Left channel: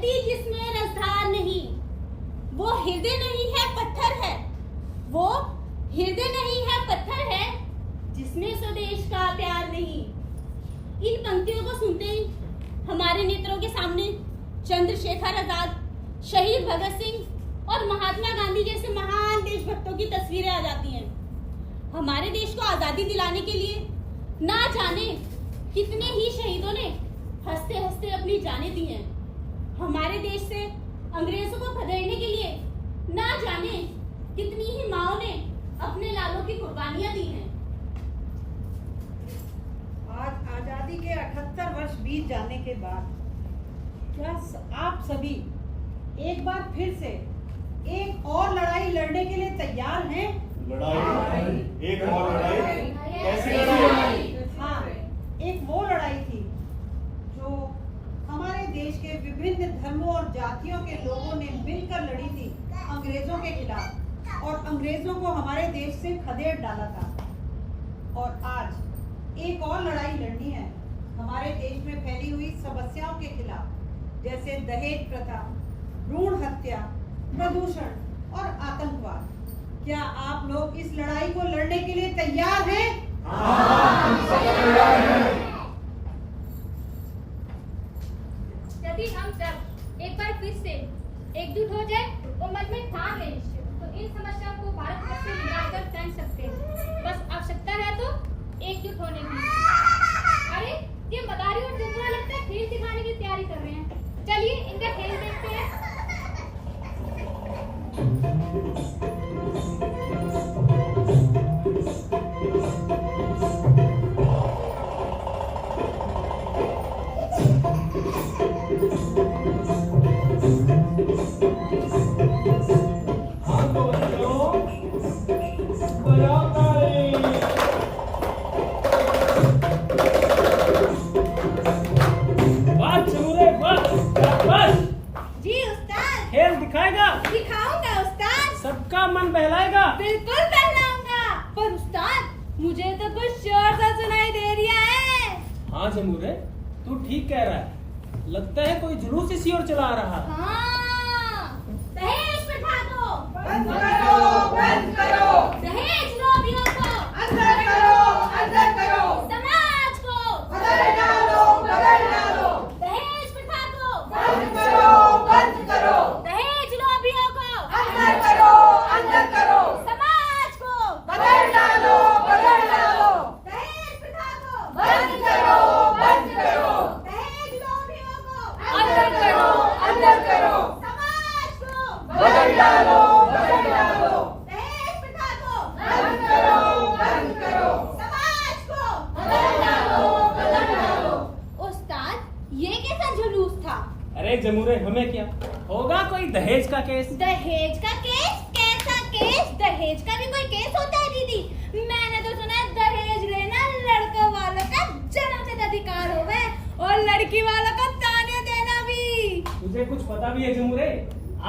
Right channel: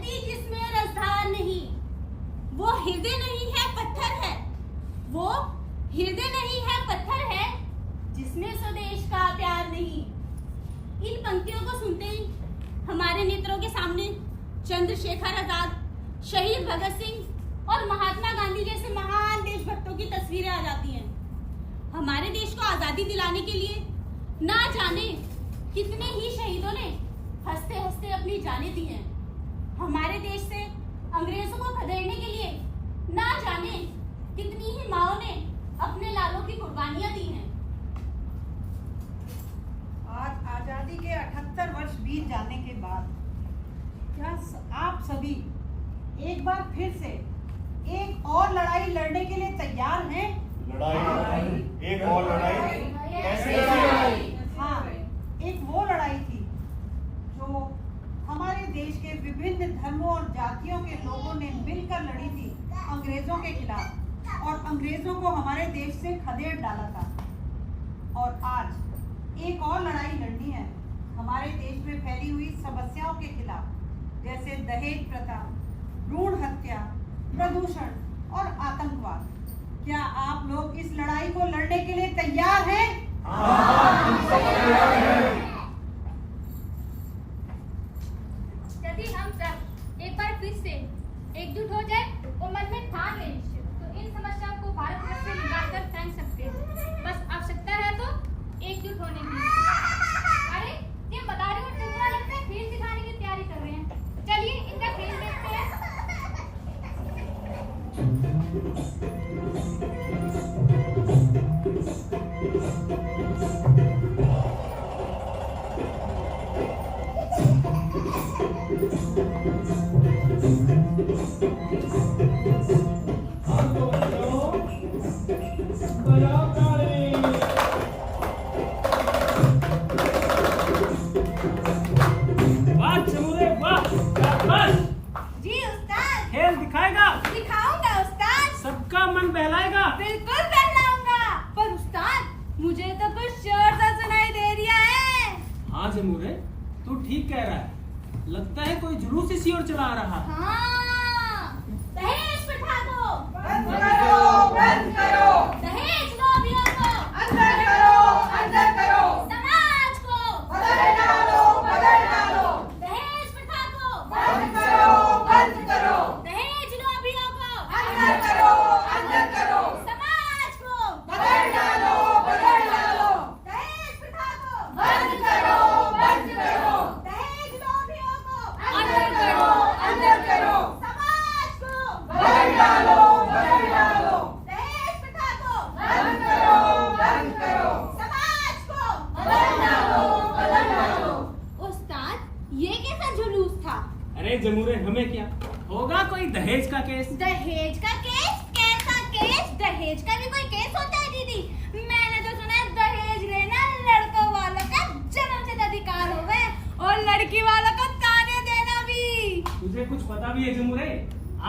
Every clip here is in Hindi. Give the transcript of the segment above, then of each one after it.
गति जिसमें रसधार नहीं, वो हृदय नहीं है पत्थर है, वो हृदय नहीं है पत्थर है, जिसमें स्वदेश का प्यार नहीं। इन पंक्तियों को सुनते ही हमारे नेत्रों के सामने चंद्रशेखर आजाद, शहीद भगत सिंह और महात्मा गांधी जैसे महान देशभक्तों की तस्वीरें आ जाती हैं। हमारे देश को आजादी दिलाने के लिए ना जाने कितने ही शहीदों ने हंसते हंसते अपनी जानें दी हैं। हमारे देश से अंग्रेजों को खदेड़ने के लिए ना जाने कितनी ही माओं ने अपने लालों की कुर्बानियां दी हैं। आज आजादी के 78 वर्ष बीत जाने के बाद क्या आप सभी एक बार फिर से एक और लड़ाई लड़ने के लिए तैयार हैं? लड़ाई? एक और लड़ाई? कैसे लड़ाई? हाँ, एक वो लड़ाई थी जो हमारे देश के विभिन्न धर्मों और जातियों के लोगों ने मिलकर लड़ी थी अंग्रेजों के खिलाफ, और अंग्रेजों को हमारे देश से खदेड़ डाला था। और आज एक और लड़ाई लड़नी है हमारे देश में फैली हुई समस्याओं के खिलाफ, जैसे दहेज प्रथा, भ्रूण हत्या, प्रदूषण और आतंकवाद। क्या आप लोग इस लड़ाई को लड़ने के लिए तैयार हैं? हम सब तैयार हैं। यदि हम सब एक बार फिर से एकजुट हो जाए और मन में ठान लें तो इन समस्याओं को भारत वर्ष से निकालकर फेंक सकते हैं। बस आवश्यकता है तो एकजुट होने की। अरे ये मदारी और चतुरा लगता है खेल दिखाने की तैयारी कर रहे हैं। चलिए इनका खेल देखते हैं। खेल दिखाएगा? दिखाऊंगा उस्ताद। सबका मन बहलाएगा? बिल्कुल बहलाऊंगा। पर उस्ताद मुझे तो कुछ शोर सा सुनाई दे रहा है। हाँ जमूरे, तू ठीक कह रहा है। लगता है कोई जुलूस इसी ओर चला रहा। हाँ, दहेज प्रथा को बंद करो, बंद करो। दहेज लोभियों को अंदर करो, अंदर करो। समाज को बदल डालो, बदल डालो। दहेज प्रथा को बंद करो, बंद करो। दहेज लोभियों को अंदर करो, अंदर करो। समाज को बदल डालो, बदल डालो। दहेज प्रथा को बंद करो, बंद करो। दहेज लोभियों को अंदर करो, अंदर करो। समाज को बदल डालो, बदल डालो। दहेज प्रथा को बंद करो, बंद करो। समाज को बदल डालो, बदल डालो। उस्ताद ये कैसा जुलूस था? अरे जमूरे, हमें क्या होगा, कोई दहेज का केस। दहेज का केस? कैसा केस? दहेज का भी कोई केस होता है दीदी? मैंने तो सुना है दहेज लेना लड़कों वालों का जन्मसिद्ध अधिकार हो गए और लड़की वालों को ताने देना भी। तुझे कुछ पता भी है जमूरे?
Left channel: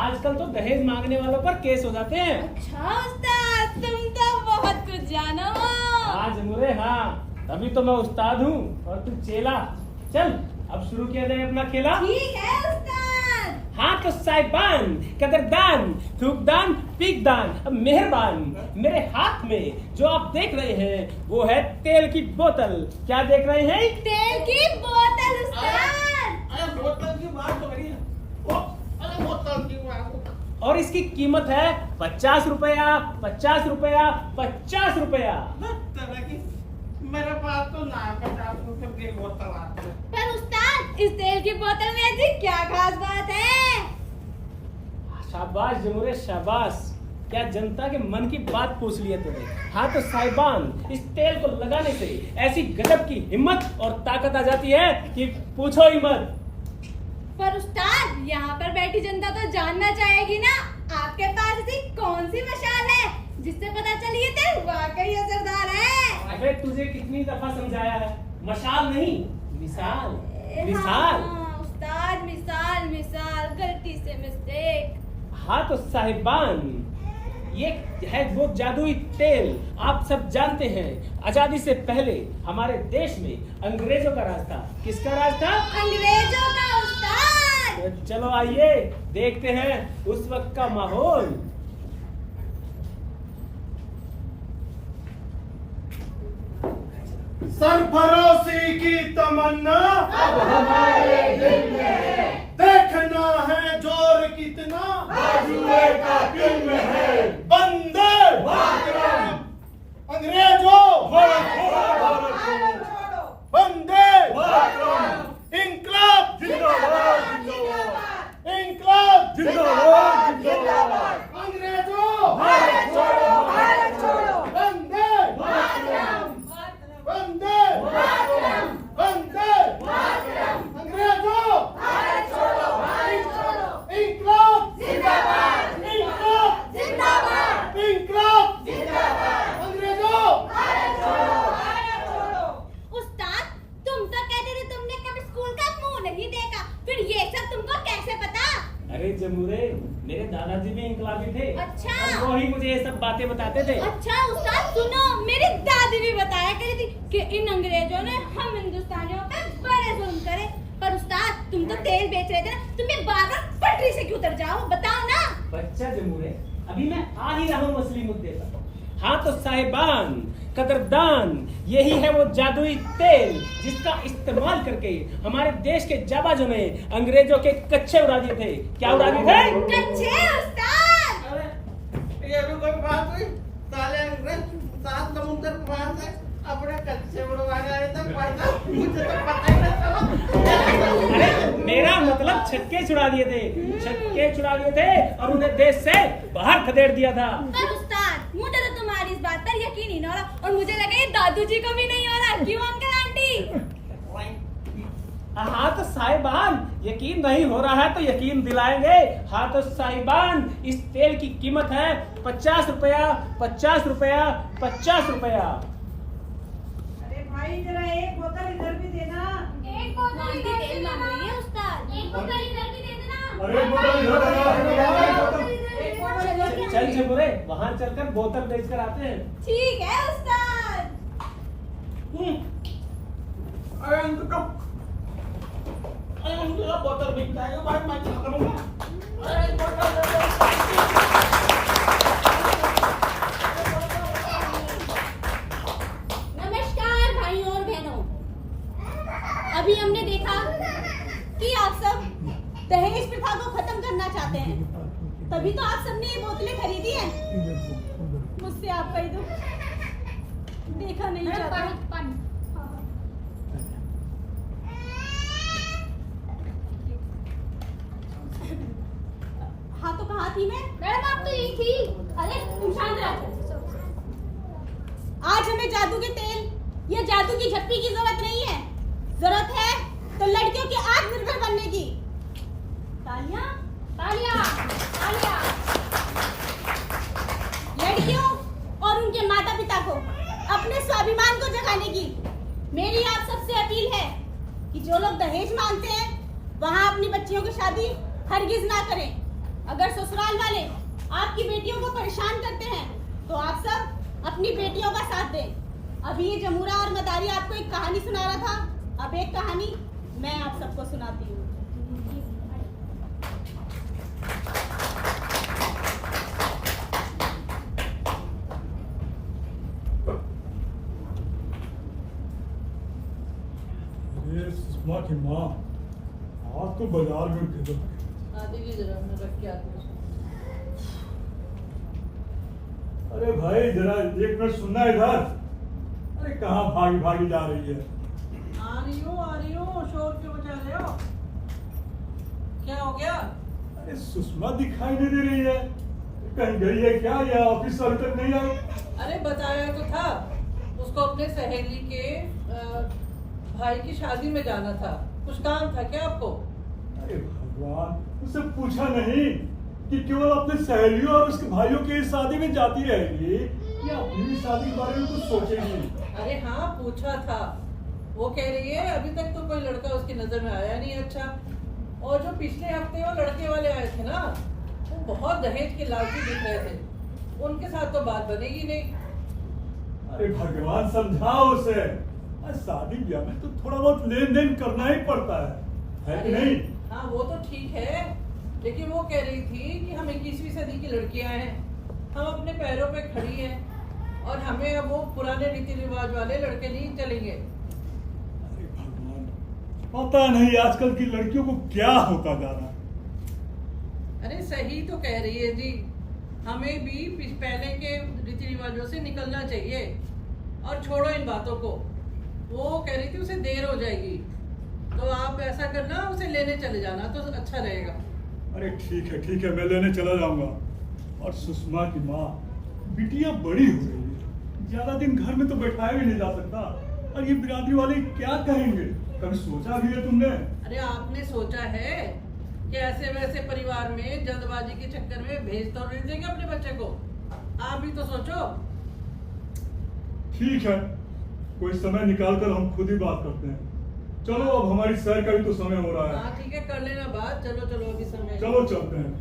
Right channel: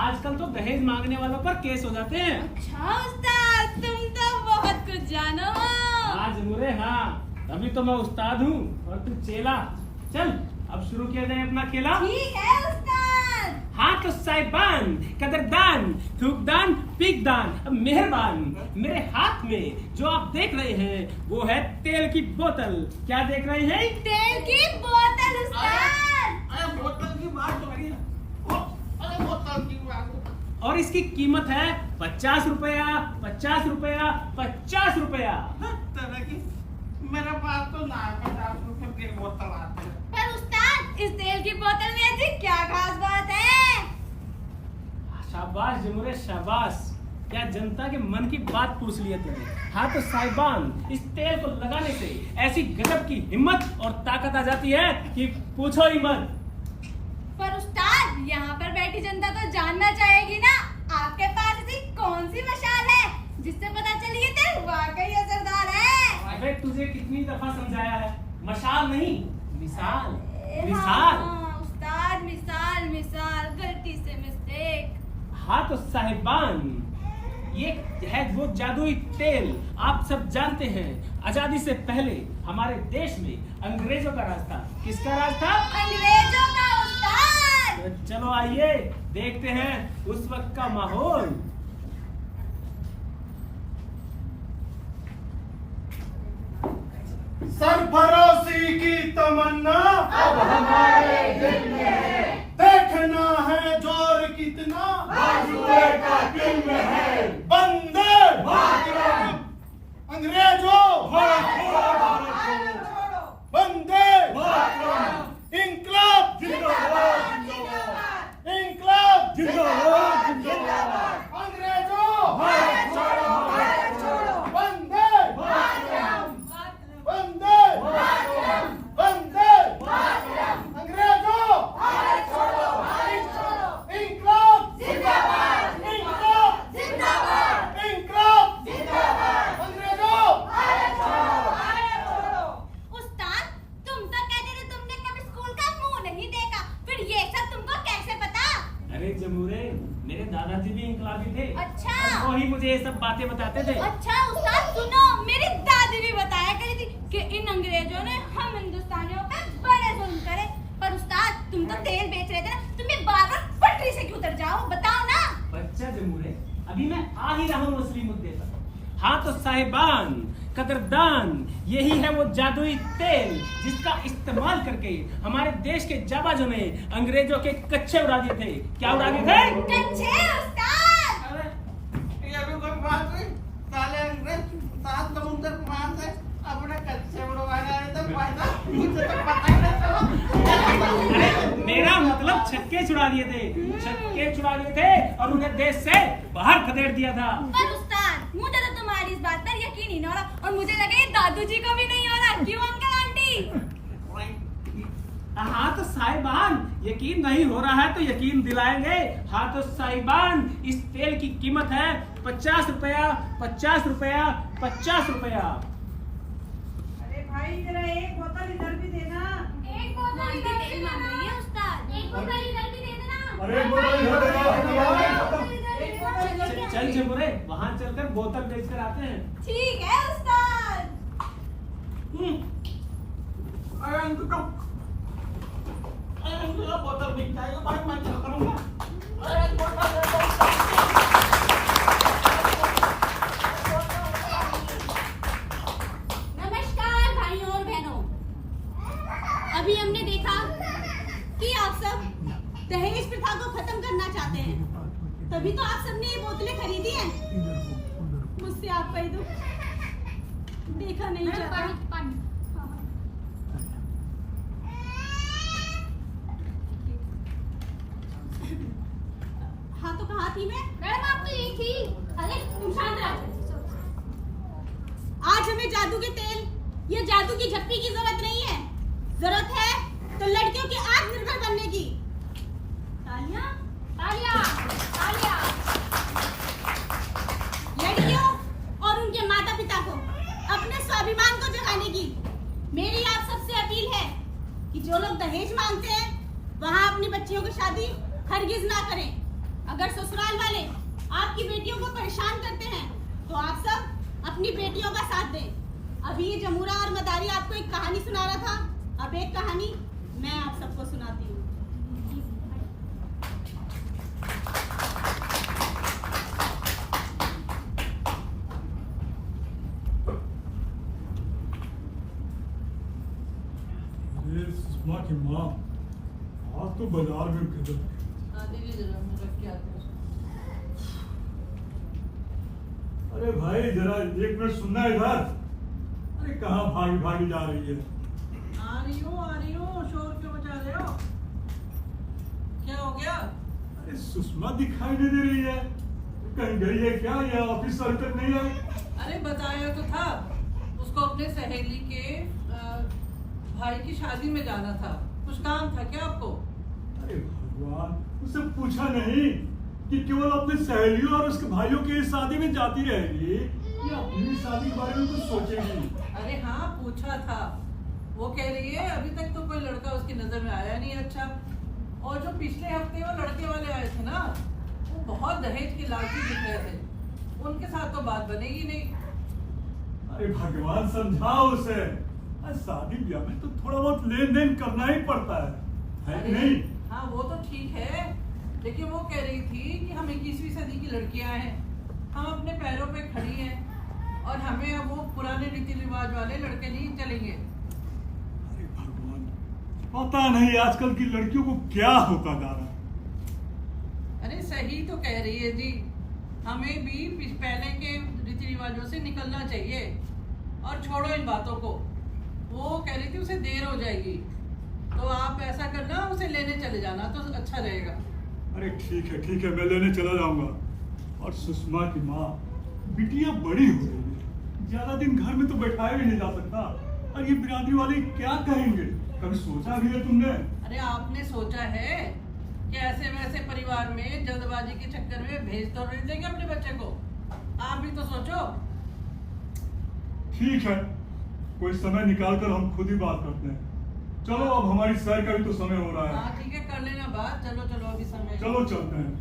आजकल तो दहेज मांगने वालों पर केस हो जाते हैं। अच्छा उस्ताद, तुम तो बहुत कुछ जानो हो। हाँ जमूरे, हाँ, तभी तो मैं उस्ताद हूँ और तू चेला। चल अब शुरू किया जाए अपना खेला। ठीक है उस्ताद। हाँ तो साहिबान, कदरदान, थूकदान, पीकदान, अब मेहरबान, मेरे हाथ में जो आप देख रहे हैं वो है तेल की बोतल। क्या देख रहे हैं? तेल की बोतल उस्ताद। अरे बोतल की बात तो करिए। अरे बोतल की बात। और इसकी कीमत है 50 रुपया, 50 रुपया, 50 रुपया। तरह की मेरे पास तो ना 50 रुपए की बोतल आती है। पर उस्ताद इस तेल की बोतल में ऐसी क्या खास बात है? शाबाश जमूरे, शाबाश। क्या जनता के मन की बात पूछ लिया तूने। हाँ तो साहिबान, इस तेल को लगाने से ऐसी गजब की हिम्मत और ताकत आ जाती है कि पूछो ही मत। पर उस्ताद यहाँ पर बैठी जनता तो जानना चाहेगी ना, आपके पास ऐसी कौन सी मशाल है जिससे पता चली ये तेल वाकई असरदार है? अबे तुझे कितनी दफा समझाया है, मशाल नहीं मिसाल, मिसाल। हाँ, उस्ताद मिसाल, मिसाल, गलती से मिस्टेक। हाँ तो साहिबान, ये है वो जादुई तेल। आप सब जानते हैं आजादी से पहले हमारे देश में अंग्रेजों का राज था। किसका राज था? अंग्रेजों का उस्ताद। उस्ताद। तो चलो आइए देखते हैं उस वक्त का माहौल। सरफरोशी की तमन्ना अब हमारे दिल में है, देखना है जोर कितना बाजुए का दिल में है। वंदे मातरम, अंग्रेजों वंदे मातरम, इंकलाब जिंदाबाद जिंदाबाद, इंकलाब जिंदाबाद जिंदाबाद, अंग्रेजों भारत छोड़ो भारत छोड़ो, वंदे मातरम वंदे मातरम वंदे मातरम, अंग्रेजों भारत छोड़ो भारत छोड़ो, इंकलाब जिंदाबाद इंकलाब जिंदाबाद, इंकलाब जिंदाबाद, अंग्रेजों भारत छोड़ो भारत छोड़ो। उस्ताद, तुम तो कहते थे तुमने कभी स्कूल का मुंह नहीं देखा, फिर ये सब तुमको कैसे पता? अरे जमूरे, मेरे दादाजी भी इंकलाबी थे। अच्छा। और वो ही मुझे ये सब बातें बताते थे। अच्छा उस्ताद सुनो, मेरी दादी भी बताया करती थी कि इन अंग्रेजों ने हम हिंदुस्तानियों पे बड़े जुल्म करे। पर उस्ताद, तुम तो तेल बेच रहे थे ना, तुम्हें बार-बार पटरी से क्यों उतर जाओ, बताओ ना। बच्चा जमूरे, अभी मैं आ ही रहा हूँ असली मुद्दे पर। हाँ तो साहिबान, कदरदान, यही है वो जादुई तेल जिसका इस्तेमाल करके हमारे देश के जाबाजों ने अंग्रेजों के कच्चे उड़ा दिए थे। क्या उड़ा दिए थे? कच्चे उस्ताद। अरे ये भी कोई बात हुई? साले अंग्रेज सात समुद्र पार से अपने कच्चे उड़वाने आए थे, फायदा मुझे तो पता ही नहीं चला। अरे मेरा मतलब छक्के छुड़ा दिए थे, छक्के छुड़ा दिए थे और उन्हें देश से बाहर खदेड़ दिया था। पर उस्ताद, मुझे तो तुम्हारी इस बात पर यकीन ही नहीं हो रहा, और मुझे लगा ये दादू जी को भी नहीं हो रहा। क्यों अंकल आंटी? हाँ तो साहिबान, यकीन नहीं हो रहा है तो यकीन दिलाएंगे। हाँ तो साहिबान, इस तेल की कीमत है 50 रुपया, 50 रुपया, 50 रुपया। अरे भाई जरा एक बोतल इधर भी देना। एक बोतल आंटी इधर तेल मांग रही है उस्ताद। एक बोतल इधर भी दे देना। अरे बोतल इधर देना। चल जमुरे, वहाँ चलकर बोतल बेच कर आते हैं। ठीक है उस्ताद। अरे इनको अरे उनको बोतल बिक जाएगा भाई, मैं क्या करूँगा? अरे बोतल दे दो। नमस्कार भाइयों और बहनों, अभी हमने देखा कि आप सब दहेज प्रथा को खत्म करना चाहते हैं, तभी तो आप सबने ये बोतलें खरीदी हैं। मुझसे आपका ही दुख देखा नहीं मैडम, जाता। पानी पानी। हाँ तो कहाँ थी मैं? मैडम आप तो यही थी। अरे तुम शांत रहो। आज हमें जादू के तेल या जादू की झप्पी की जरूरत नहीं है, जरूरत है तो लड़कियों की आत्मनिर्भर बनने की। तालियां, तालियां, तालियां। लड़कियों और उनके माता पिता को अपने स्वाभिमान को जगाने की मेरी आप सबसे अपील है कि जो लोग दहेज मांगते हैं वहाँ अपनी बच्चियों की शादी हरगिज ना करें। अगर ससुराल वाले आपकी बेटियों को परेशान करते हैं तो आप सब अपनी बेटियों का साथ दें। अभी ये जमूरा और मदारी आपको एक कहानी सुना रहा था, अब एक कहानी मैं आप सबको सुनाती हूँ। ये सुषमा की माँ आज तो बाजार में गजब की। अरे भाई जरा एक मिनट सुनना इधर। अरे कहाँ भागी भागी जा रही है? आ रही हूँ, शोर क्यों मचा रहे हो? क्या हो गया? अरे सुषमा दिखाई नहीं दे रही है, कहीं गई है क्या या ऑफिस से अभी तक नहीं आई? अरे बताया तो था, उसको अपने सहेली के भाई की शादी में जाना था। कुछ काम था क्या आपको? अरे भगवान, उससे पूछा नहीं कि केवल अपने सहेलियों और उसके भाइयों की शादी में जाती रहेगी या अपनी शादी के बारे में कुछ सोचेगी? अरे हाँ पूछा था, वो कह रही है अभी तक तो कोई लड़का उसकी नजर में आया नहीं अच्छा। और जो पिछले हफ्ते वो लड़के वाले आए थे ना, वो बहुत दहेज के लालची दिख रहे थे, उनके साथ तो बात बनेगी नहीं। अरे भगवान समझाओ उसे, शादी ब्याह में तो थोड़ा बहुत लेन देन करना ही पड़ता है कि नहीं? हाँ वो तो ठीक लेकिन वो कह रही थी कि हम 21वीं सदी की लड़कियां हैं, हम अपने पैरों पे खड़ी हैं और हमें अब वो पुराने रीति रिवाज वाले लड़के नहीं चलेंगे। अरे भगवान, पता नहीं आजकल की लड़कियों को क्या होता जा रहा है। अरे सही तो कह रही है जी, हमें भी पहले के रीति रिवाजों से निकलना चाहिए और छोड़ो इन बातों को। वो कह रही थी उसे देर हो जाएगी, तो आप ऐसा करना, उसे लेने चले जाना तो अच्छा रहेगा। अरे ठीक है, मैं लेने चला जाऊंगा। और सुषमा की माँ, बिटिया बड़ी हो रही है, ज्यादा दिन घर में तो बैठाया भी नहीं जा सकता। और ये बिरादरी वाले क्या कहेंगे, कभी सोचा भी है तुमने? अरे आपने सोचा है कि ऐसे वैसे परिवार में जल्दबाजी के चक्कर में भेज तो नहीं देंगे अपने बच्चे को? आप भी तो सोचो। ठीक है, कोई समय निकाल कर हम खुद ही बात करते हैं। चलो, अब हमारी सैर का भी तो समय हो रहा है। हाँ ठीक है, कर लेना बात। चलो अभी समय। चलो चलते हैं।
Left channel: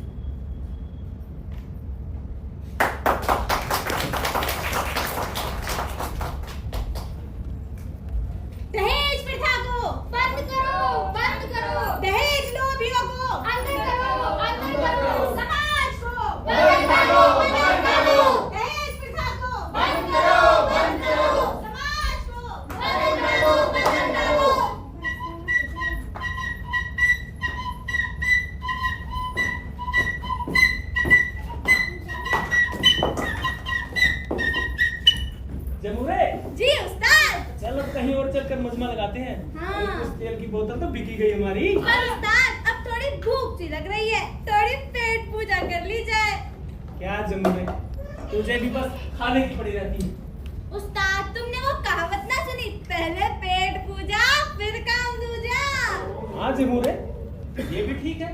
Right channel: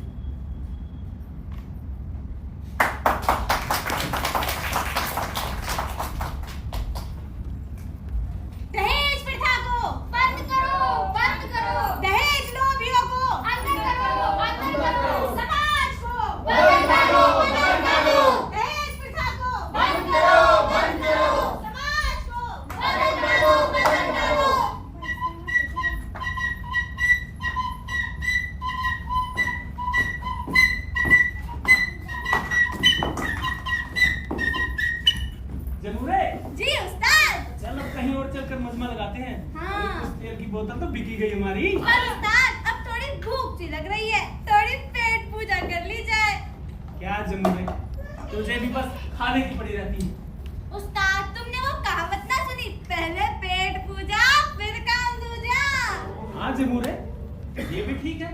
दहेज प्रथा को बंद करो, बंद करो। दहेज लोभियों को अंदर करो, अंदर करो। समाज को बंद करो, बंद करो। दहेज प्रथा को बंद करो, बंद करो। समाज को बंद करो, बंद करो। जमुरे, जी उस्ताद। चल अब कहीं और चलकर मजमा लगाते हैं। हाँ। अरे कुछ तेल की बोतल तो बिकी गई हमारी। पर उस्ताद, अब थोड़ी भूख सी लग रही है, थोड़ी पेट पूजा कर ली जाए। क्या जमुरे, तुझे भी बस खाने की पड़ी रहती है। उस्ताद, तुमने वो कहावत ना सुनी, पहले पेट पूजा फिर काम दूजा। हाँ जमुरे, ये भी ठीक है।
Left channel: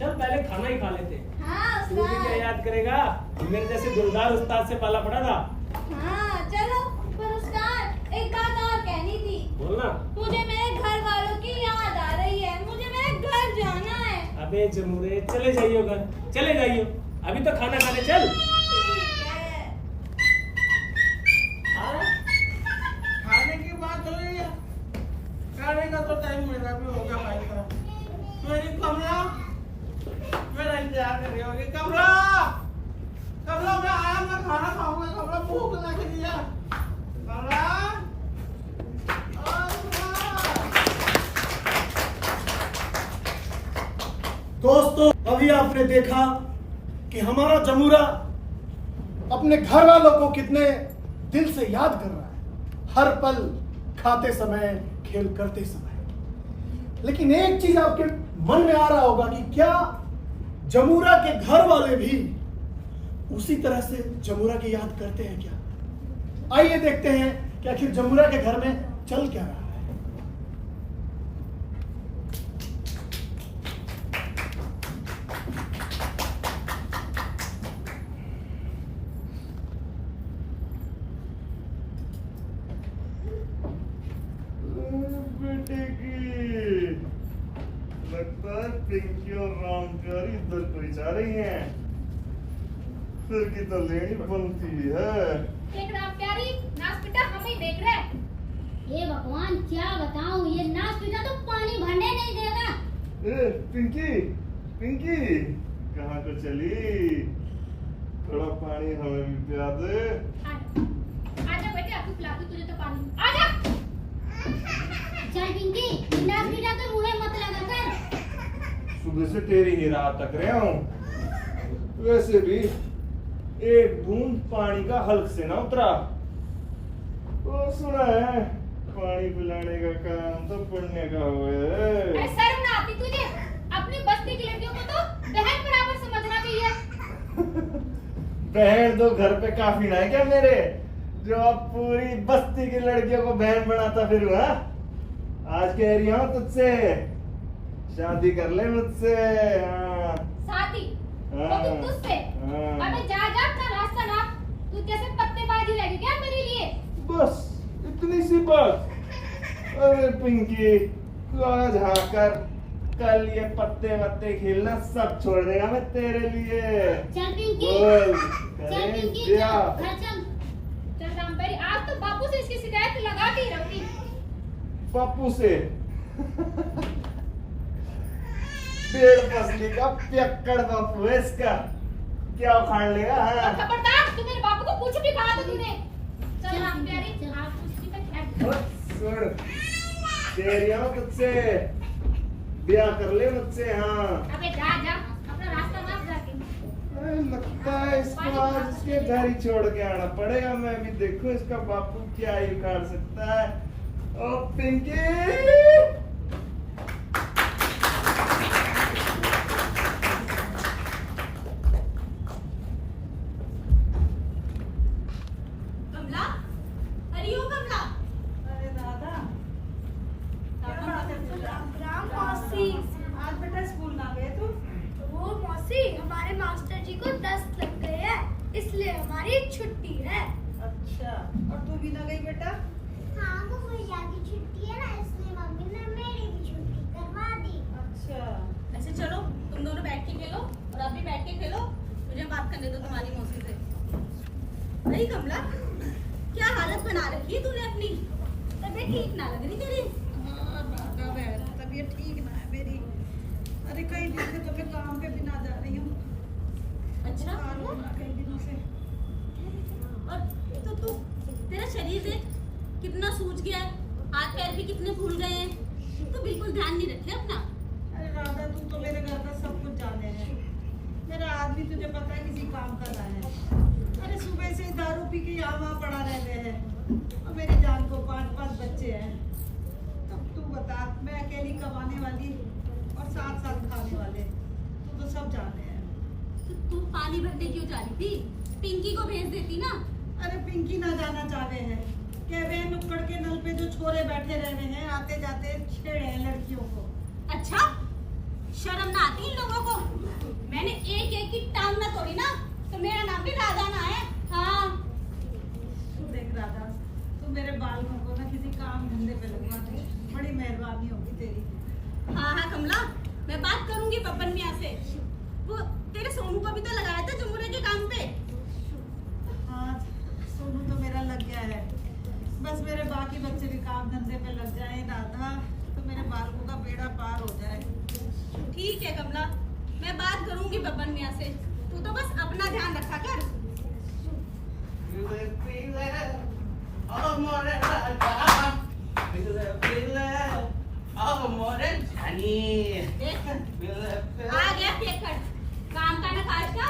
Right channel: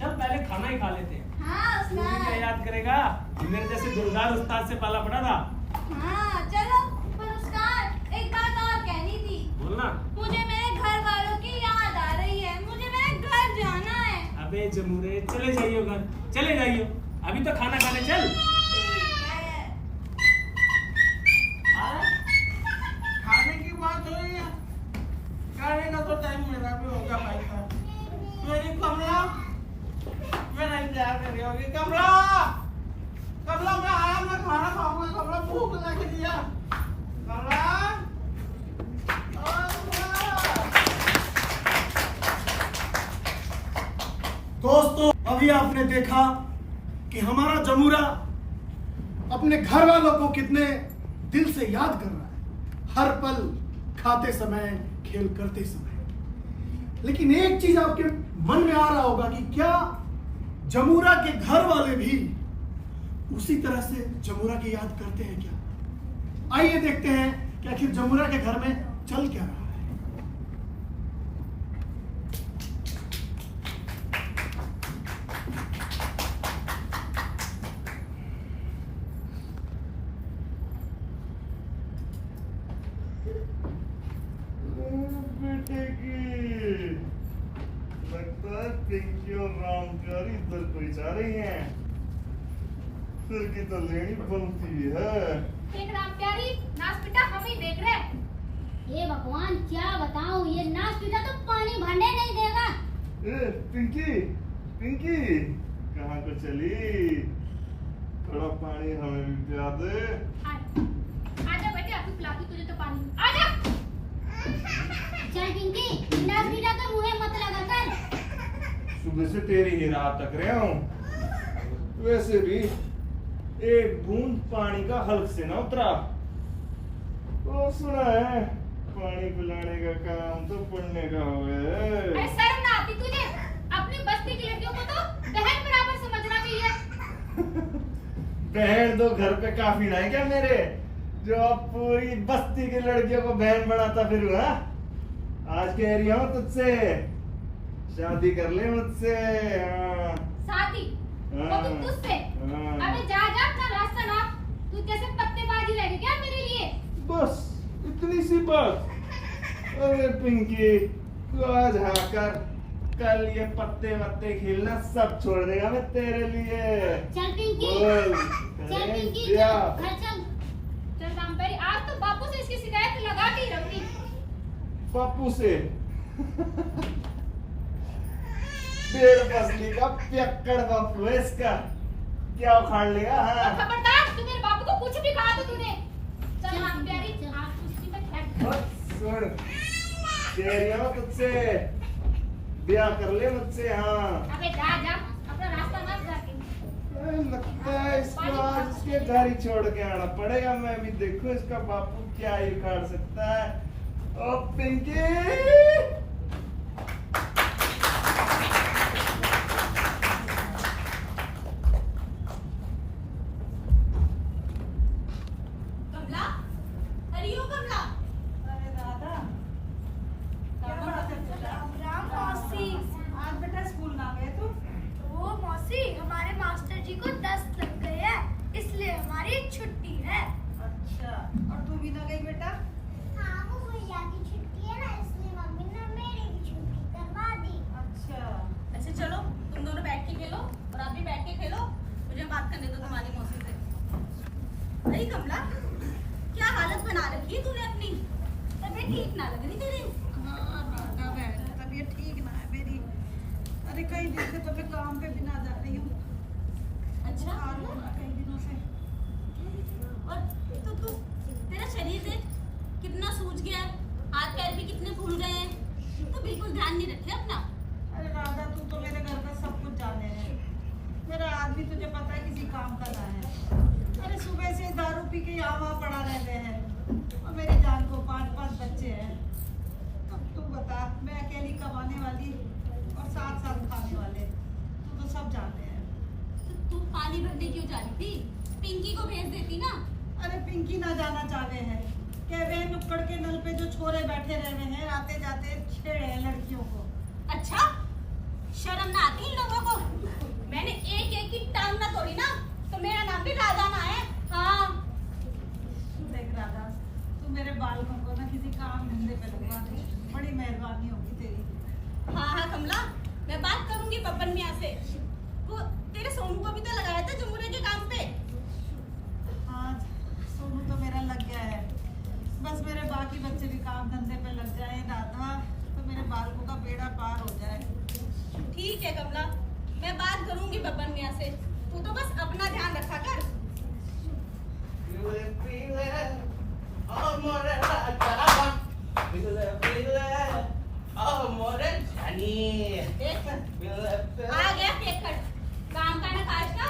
चल पहले खाना ही खा लेते हैं। हाँ तू भी क्या उस्ताद। याद करेगा, मेरे जैसे दुर्गार उस्ताद से पाला पड़ा था। हाँ चलो। पर उस्ताद, एक बात और कहनी थी। बोलना। मुझे मेरे घर वालों की याद आ रही है, मुझे मेरे घर जाना है। अबे जमुरे, चले जाइयो घर, चले जाइयो, अभी तो खाना खाने चल। ठीक है। खाने की बात हो रही है, खाने का तो टाइम मेरा भी होगा भाई साहब। मेरी कमला मेरा इंतजार कर रही होगी। कमला, कमला मैं आया, मैं खाना खाऊंगा। कमला भूख लग रही है। कमला, ओए कमला। दोस्तों, अभी आपने देखा कि हमारा जमूरा अपने घर वालों को कितने दिल से याद कर रहा है, हर पल, खाते समय, खेल करते समय। लेकिन एक चीज आपके मन में आ रहा होगा कि क्या जमूरा के घर वाले भी उसी तरह से जमूरा की याद करते हैं क्या? आइए देखते हैं कि आखिर जमूरा के घर में चल क्या रहा है। बेटे की लगता है पिंकी और रामचारी इधर कोई जा रही हैं। फिर की तो लेनी बनती है। एक राम प्यारी, नाच पिटा हम ही देख रहे हैं। हे भगवान, क्या बताऊं, ये नाच पीटा तो पानी भरने नहीं देगा। ए पिंकी, पिंकी कहाँ को चली? थोड़ा पानी हमें भी पिला दे। आजा बेटे, अभी पिलाती तुझे तो पानी। आजा। चल पिंकी, नाच पीटा कर मुंह मत लगा कर। सुबह से तेरी ही राह तक रहा हूँ। वैसे भी एक बूंद पानी का हल्क से ना उतरा। तो सुना है पानी पिलाने का काम तो पुण्य का हुआ है। अरे शर्म ना आती तुझे? अपनी बस्ती की लड़कियों को तो बहन बराबर समझना चाहिए। बहन तो घर पे काफी ना है क्या मेरे, जो अब पूरी बस्ती की लड़कियों को बहन बनाता फिर हुआ। आज कह रही हूँ तुझसे शादी कर ले मुझसे। हाँ। शादी? वो भी तुझसे? हाँ। अबे जा जा, अपना रास्ता ना। तू कैसे पत्तेबाजी रहेगी क्या मेरे लिए? बस इतनी सी बात। अरे पिंकी, तू आज हाँ कर, कल ये पत्ते वत्ते खेलना सब छोड़ देगा मैं तेरे लिए। चल पिंकी, बोल, चल करें पिंकी, क्या? घर चल। चल रामपेरी, आज तो बापू से इसकी शिकायत लगा के ही रहूंगी। बापू से? डेढ़ फसली का पियक्कड़ बापू है इसका, क्या उखाड़ लेगा? और हाँ खबरदार, तू मेरे बापू को कुछ भी कहा तो तूने। चल हाँ प्यारी, आज कुश्ती पे बैठ। सुन, तेरी हो तुझसे ब्याह कर ले मुझसे। हाँ अबे जा जा, अपना रास्ता मार जाके। लगता है इसको आज इसके घर ही छोड़ के आना पड़ेगा। मैं भी देखूं इसका बापू क्या ही उखाड़ सकता है। ओ पिंकी, कमला, अरे ओ कमला, अरे राधा, क्या बात है बेटा? राम मौसी, आज बेटा स्कूल ना गए तुम? वो मौसी हमारे मास्टर जी को दस्त लग गए हैं, इसलिए हमारी छुट्टी है। अच्छा, और तू भी ना गई बेटा? हाँ वो भैया की छुट्टी है ना, इसलिए मम्मी ने मेरी भी छुट्टी करवा दी। अच्छा, ऐसे चलो तुम दोनों बैठ के खेलो और आप भी बैठ के खेलो, मुझे बात करने दो तुम्हारी मौसी से। नहीं कमला, क्या हालत बना रखी है तूने अपनी? तबीयत ठीक ना लग रही तेरी? हाँ राधा बहन, तबीयत ठीक ना है मेरी। अरे कई दिन से तो मैं काम पे भी ना जा रही हूँ। अच्छा, बुखार हो रहा कई दिनों से। और तू तेरा शरीर देख कितना सूज गया है, हाथ पैर भी कितने फूल गए हैं, तो बिल्कुल ध्यान नहीं रखे अपना। अरे राधा, तू तो मेरे घर का सब कुछ जाने है। मेरा आदमी तुझे पता है किसी काम का ना है। अरे सुबह से दारू पी के यहाँ वहाँ पड़ा रहते हैं, और मेरी जान को 5-5 बच्चे हैं। अब तू बता, मैं अकेली कमाने वाली और साथ-साथ खाने वाले, तू तो सब जानते हैं। तो तू पानी भरने क्यों जा रही थी? पिंकी को भेज देती ना। अरे पिंकी ना जाना चाहते हैं, कह रहे हैं नुक्कड़ के नल पे जो छोरे बैठे रहे हैं, आते जाते छेड़ रहे हैं लड़कियों को। अच्छा, शर्म ना आती इन लोगों को? मैंने एक एक की टांग ना तोड़ी ना, तो मेरा नाम भी राधा ना है। हाँ, तू देख राधा, तू मेरे बालकों को ना किसी काम धंधे पे लगवा दे, बड़ी मेहरबानी होगी तेरी। हाँ हाँ कमला, मैं बात करूंगी पप्पन मियाँ से। वो तेरे सोनू को भी तो लगाया था जमुरे के काम पे। हाँ, सोनू तो मेरा लग गया है, बस मेरे बाकी बच्चे भी काम धंधे पे लग जाए राधा, तो मेरे बालकों का बेड़ा पार हो जाए। ठीक है कमला, मैं बात करूंगी पप्पन मियाँ से, तू तो बस अपना ध्यान रखा कर। देख, आ गया फेंकड़, काम का ना काज का,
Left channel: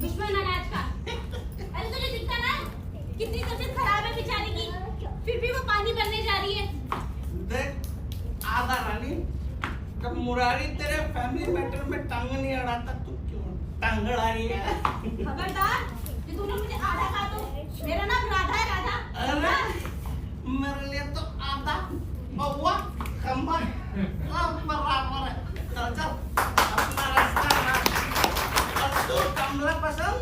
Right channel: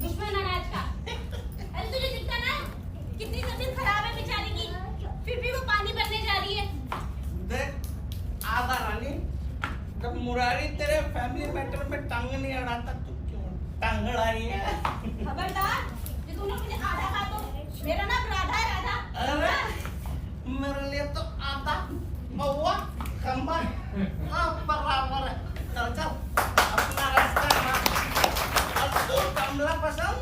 दुश्मन अनाज का। अरे तुझे दिखता ना कितनी तबीयत खराब है बेचारी की, फिर भी वो पानी भरने जा रही है। देख आधा रानी, जब मुरारी तेरे फैमिली मैटर में टांग नहीं अड़ाता तो क्यों टांग अड़ा रही है? खबरदार, ये तूने मुझे आधा कहा तो मेरा नाम राधा है, राधा। अरे मेरे लिए तो आधा बउआ खंबा बराबर है। चल चल अपना रास्ता ना। और तू कमला पसंद?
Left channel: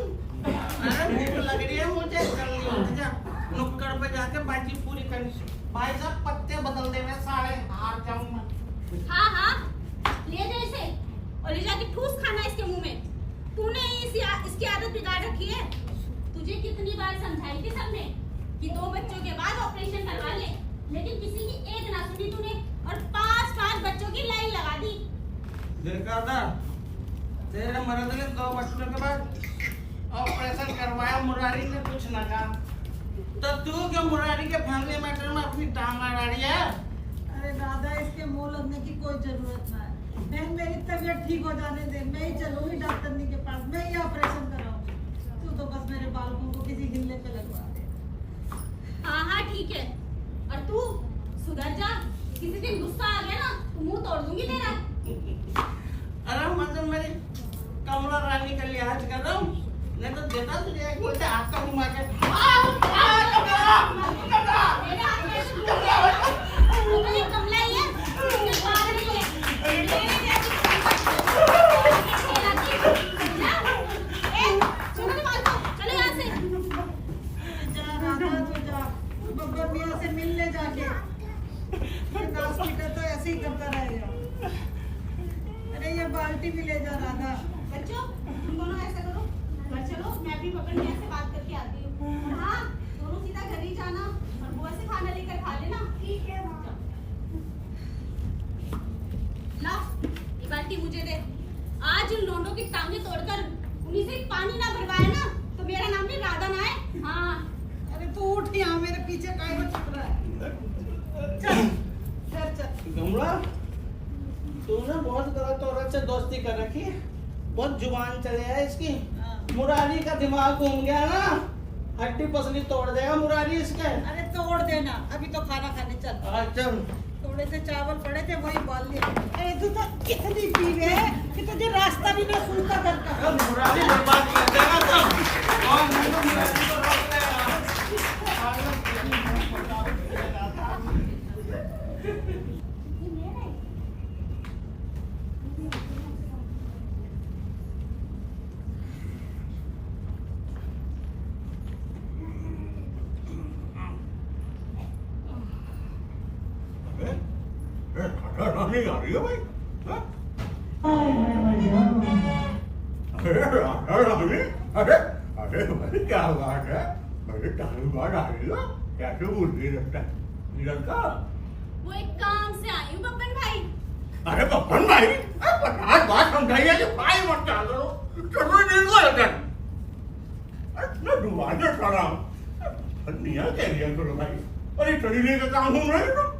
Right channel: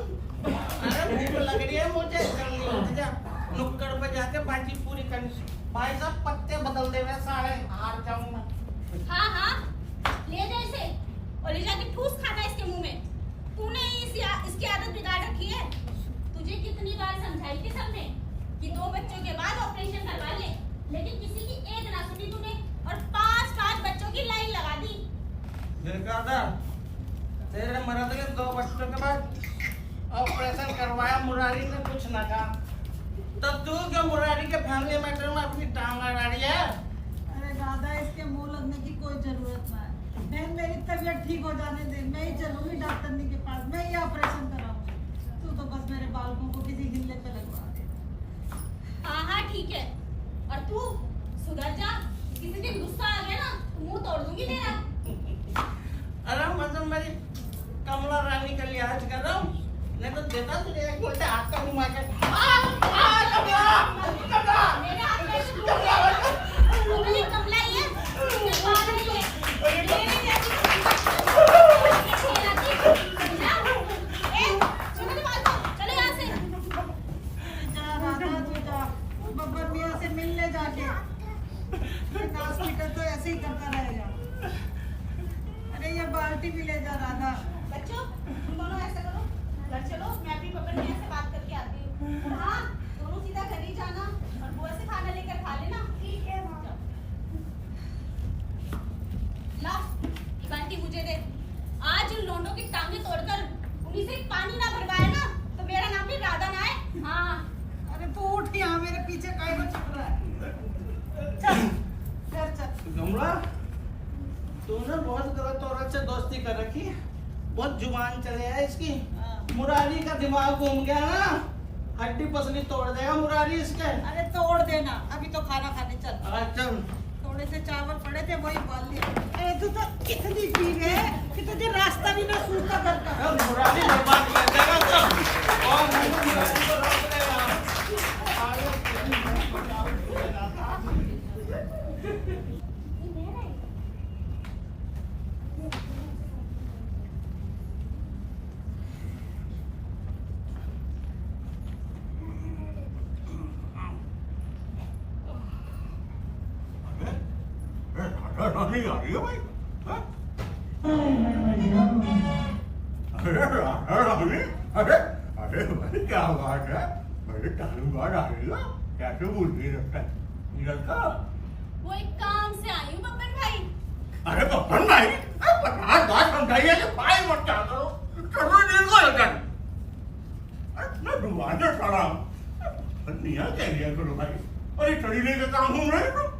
अरे भूख लग रही है मुझे, जल्दी उठ जा, नुक्कड़ पे जाके बाजी पूरी करनी। भाई साहब पत्ते बदल दे, मैं सारे हार जाऊंगा। हाँ हाँ, ले जा इसे और ले जाके ठूस खाना इसके मुंह में। तूने इसकी आदत बिगाड़ रखी है। तुझे कितनी बार समझाई थी सबने कि 2 बच्चों के बाद ऑपरेशन करवा ले, लेकिन किसी की एक ना सुनी तूने और 5-5 बच्चों की लाइन लगा दी। देखा था तेरे मर्द के 2 बच्चों के बाद ऑपरेशन करवाया, मुरारी ने कुछ ना कहा, तो तू क्या मुरारी के फैमिली मैटर में अपनी टांग अड़ा रही है? अरे राधा, इसके मुंह लगने की कोई जरूरत ना है। बहन, मेरी तबीयत ठीक हो जाने दे, मैं ही चलूंगी डॉक्टरनी के पास, मैं ही ऑपरेशन कराऊंगी। तू तो बस मेरे बालकों को किसी हिल्ले पे लगवा दे। हाँ हाँ ठीक है, और तू सुधर जा, किसी दिन गुस्सा आ गया ना तो मुंह तोड़ दूंगी तेरा। अरे मतलब मेरी कमला रानी का लिहाज कर रहा हूँ, नहीं तो देता तुझे एक बोलते हाथ का घुमा के। मेरे हाथ में से दूर ले, कमला ही है, तुझे बाहर नहीं है। मेरे जैसी खेलाती है, समझा? छोड़ो तो मार दो, चलो यहाँ से। जा राधा, तू जा, बब्बर मियाँ से मिलने जाके। ये नास्तिक तो ऐसे ही करता रहेगा। अरे ये बाल्टी भी ले जा राधा। बच्चों, तुम दोनों ऐसे करो, घर चलो, मैं भी पकड़ मियाँ से बात करके आती हूँ। हाँ, दोनों सीधा घर ही जाना और बुआ से खाना लेकर खा लेना। ठीक है। ला, ये बाल्टी मुझे दे। आज उन लोगों की टांगे तोड़कर उन्हीं से पानी ना भरवाए ना तो मेरा नाम भी राधा ना है। हाँ अरे तू उठ यहाँ, मेरे पीछे काहे को चिप रहा है? चल चल। कमला, तूने बहुत गलत औरत से दोस्ती कर रखी है। बहुत जुबान चले है इसकी। मुरारी का दिमाग घूम गया ना, हड्डी पसली तोड़ देगा मुरारी इसके। अरे तोड़ देना, अभी तो खाना खाने चल। चल। थोड़े से चावल पड़े थे वही बोल लिया। अरे तू तो कितनी पीवे है कि तुझे रास्ता भी ना सूझता घर का। मुरारी बर्बाद कर देगा तो और मुरारी को रोक देगा। नहीं आ रही है भाई? अरे अरे भाई क्या बात है? बड़े टाइम बाद आ रही है, कैसे भूल गई निकलता? वो एक काम से आई हूँ बब्बन भाई। अरे बब्बन भाई, पचास बात समझाइए कि भाई मत क्या करो, चलो नहीं को लगन। मैं दुबारा खड़ा हूँ, निया कह दिया करो भाई, अरे चढ़ी का काम हो रहा है तो?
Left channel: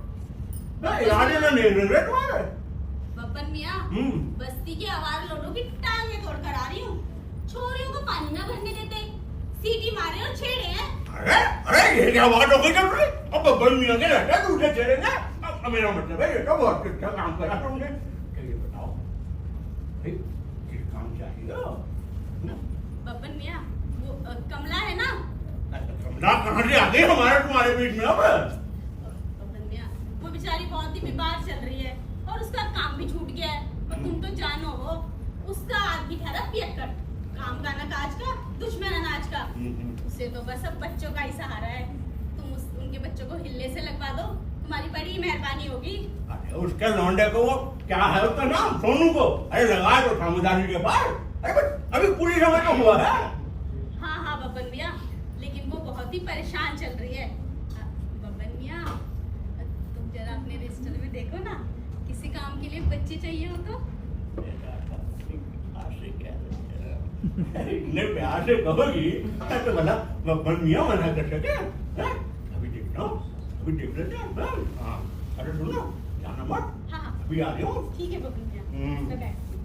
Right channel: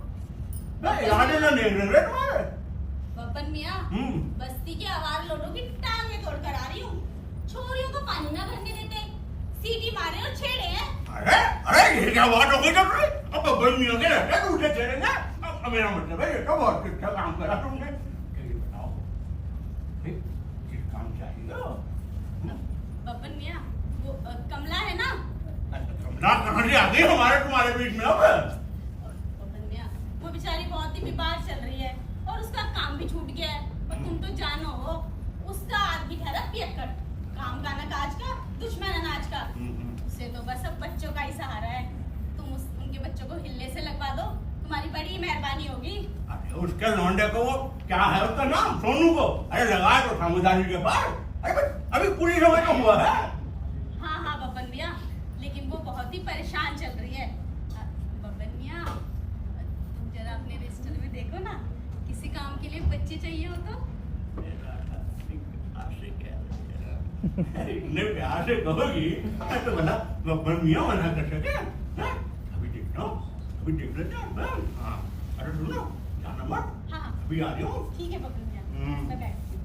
याद है ना नहीं रहे तुम्हारे? बब्बन मियाँ, बस्ती के आवारा लोगों की टांगे तोड़कर आ रही हूँ। छोरियों को पानी ना भरने देते, सीटी मारे और छेड़े हैं। अरे अरे ये क्या बात हो गई जब रही? अब बब्बन मियाँ के रहते हैं तुझे छेड़ेंगे? अब मेरा मतलब है ये तो बहुत अच्छा काम करा तुमने। ये बताओ, ये काम चाहिए? बब्बन मियाँ, वो कमला है ना? कमला कहाँ से आ गई हमारे तुम्हारे बीच में अब? वो बेचारी बहुत ही बीमार चल रही है और उसका काम भी छूट गया है और तुम तो जानो हो उसका आदमी ठहरा पियक्कड़, काम गाना काज का, दुश्मन अनाज का। उसे तो बस अब बच्चों का ही सहारा है। तुम उनके बच्चों को हिल्ले से लगवा दो, तुम्हारी बड़ी मेहरबानी होगी। अरे उसके लौंडे को वो क्या है उसका नाम, सोनू को, अरे लगाए तो समझदारी के बाद। अरे अभी पूरी समय तो हुआ है। हाँ हाँ बब्बन मियाँ, लेकिन वो बहुत ही परेशान चल रही है। बब्बन मियाँ, जरा अपने रजिस्टर में देखो ना, किसी काम के लिए बच्चे चाहिए हो तो। इतने प्यार से कहोगी तो भला बब्बन मियाँ मना कर सके? अभी देखना, अभी देख लेते हैं। हाँ अरे सुनो, जाना मत। हाँ अभी आ रही हूँ। ठीक है बब्बन मियाँ, मैं बैठती हूँ।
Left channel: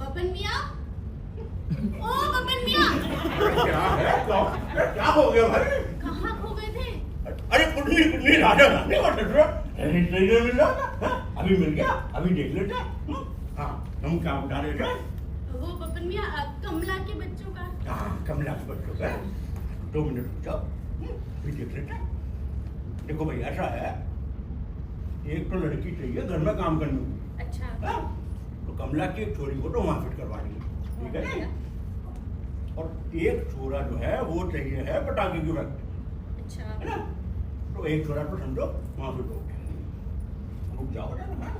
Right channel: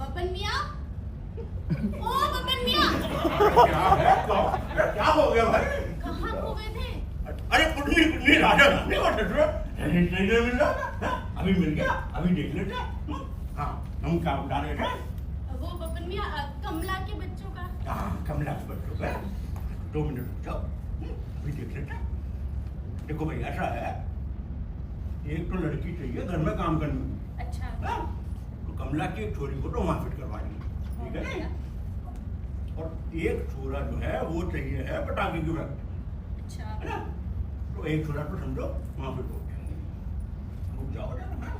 बब्बन मियाँ, ओ बब्बन मियाँ, क्या है? क्या हो गया भाई? कहाँ खो गए थे? अरे कुछ राजा नहीं नहीं मिल रहा था। अभी मिल गया, अभी देख लेते हैं। हाँ हम क्या उठा रहे थे? वो बब्बन मियाँ, कमला के बच्चों का। हाँ कमला के बच्चों का। 2 मिनट रुक जाओ, अभी देख लेते हैं। देखो भाई ऐसा है, एक तो लड़की चाहिए घर में काम करने को। अच्छा। हाँ? तो कमला की एक छोरी को तो वहां फिट करवा देंगे, ठीक है ना? और एक छोरा जो है वो चाहिए है पटाखे की फैक्ट्री, अच्छा। है ना? तो एक छोरा तो समझो वहां फिट हो गया, रुक जाओ ना। हाँ?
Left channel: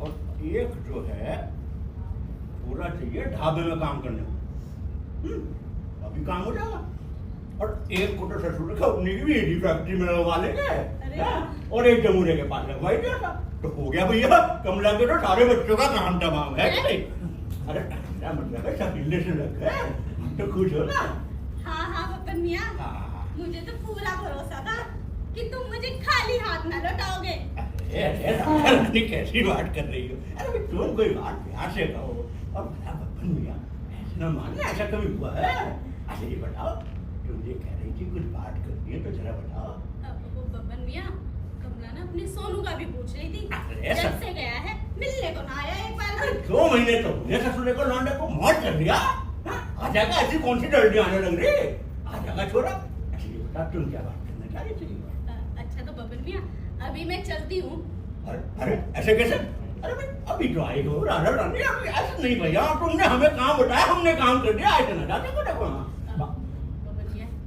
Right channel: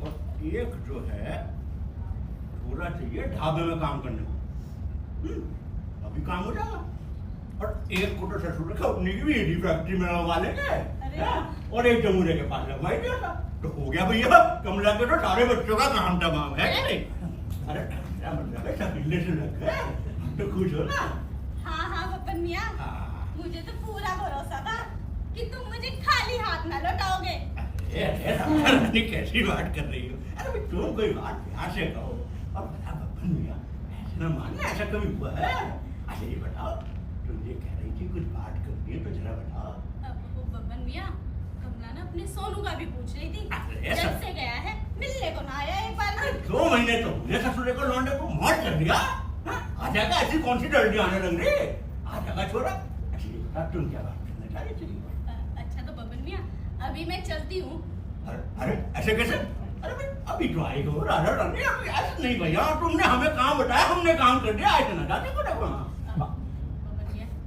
और एक जो है छोरा चाहिए ढाबे में काम करने को, अभी काम हो जाएगा। और एक को तो ससुर का अपनी की भी यही फैक्ट्री में लगवा लेंगे, और एक जमूरे के पास लगवाई दिया था, तो हो गया भैया। कमला के तो सारे बच्चों का काम तमाम है कि नहीं? अरे क्या मतलब है, शकीले से लग गए, तो खुश हो ना? हाँ हाँ बब्बन मियाँ, मुझे तो पूरा भरोसा था कि तुम मुझे खाली हाथ न लौटाओगे। रानी कैसी बात कर रही हो? अरे तुम कोई बात प्यार से कहो। अब बब्बन मियाँ ऐसा न मानना, ऐसा कभी हुआ है? अच्छा ये बताओ, तुम ये कह रही थी कुछ बात करनी है तो जरा बताओ। वो बब्बन मियाँ, कमला ना अपने सोनू का भी पूछ रही थी, अरे जब से गया है मिलने को ना आया एक बार भी। 2 महीने तो हुए ससुरे को लौंडे को मौत कर दिया। आ जाएगा, ऐसी कौन सी जल्दी आने लग रही? आ जाएगा छोरा। अच्छा ये बता तुम क्या बात करना चाह रही थी? अच्छा तो बब्बन मियाँ अभी मैं चलती हूँ। अरे ऐसे कैसे? अरे भाई अभी तो आई हो राधा रानी, अभी ऐसे नहीं भैया, तुमने हमें काम बताया, हमने काम कर दिया, ऐसे ना जाते को देखो।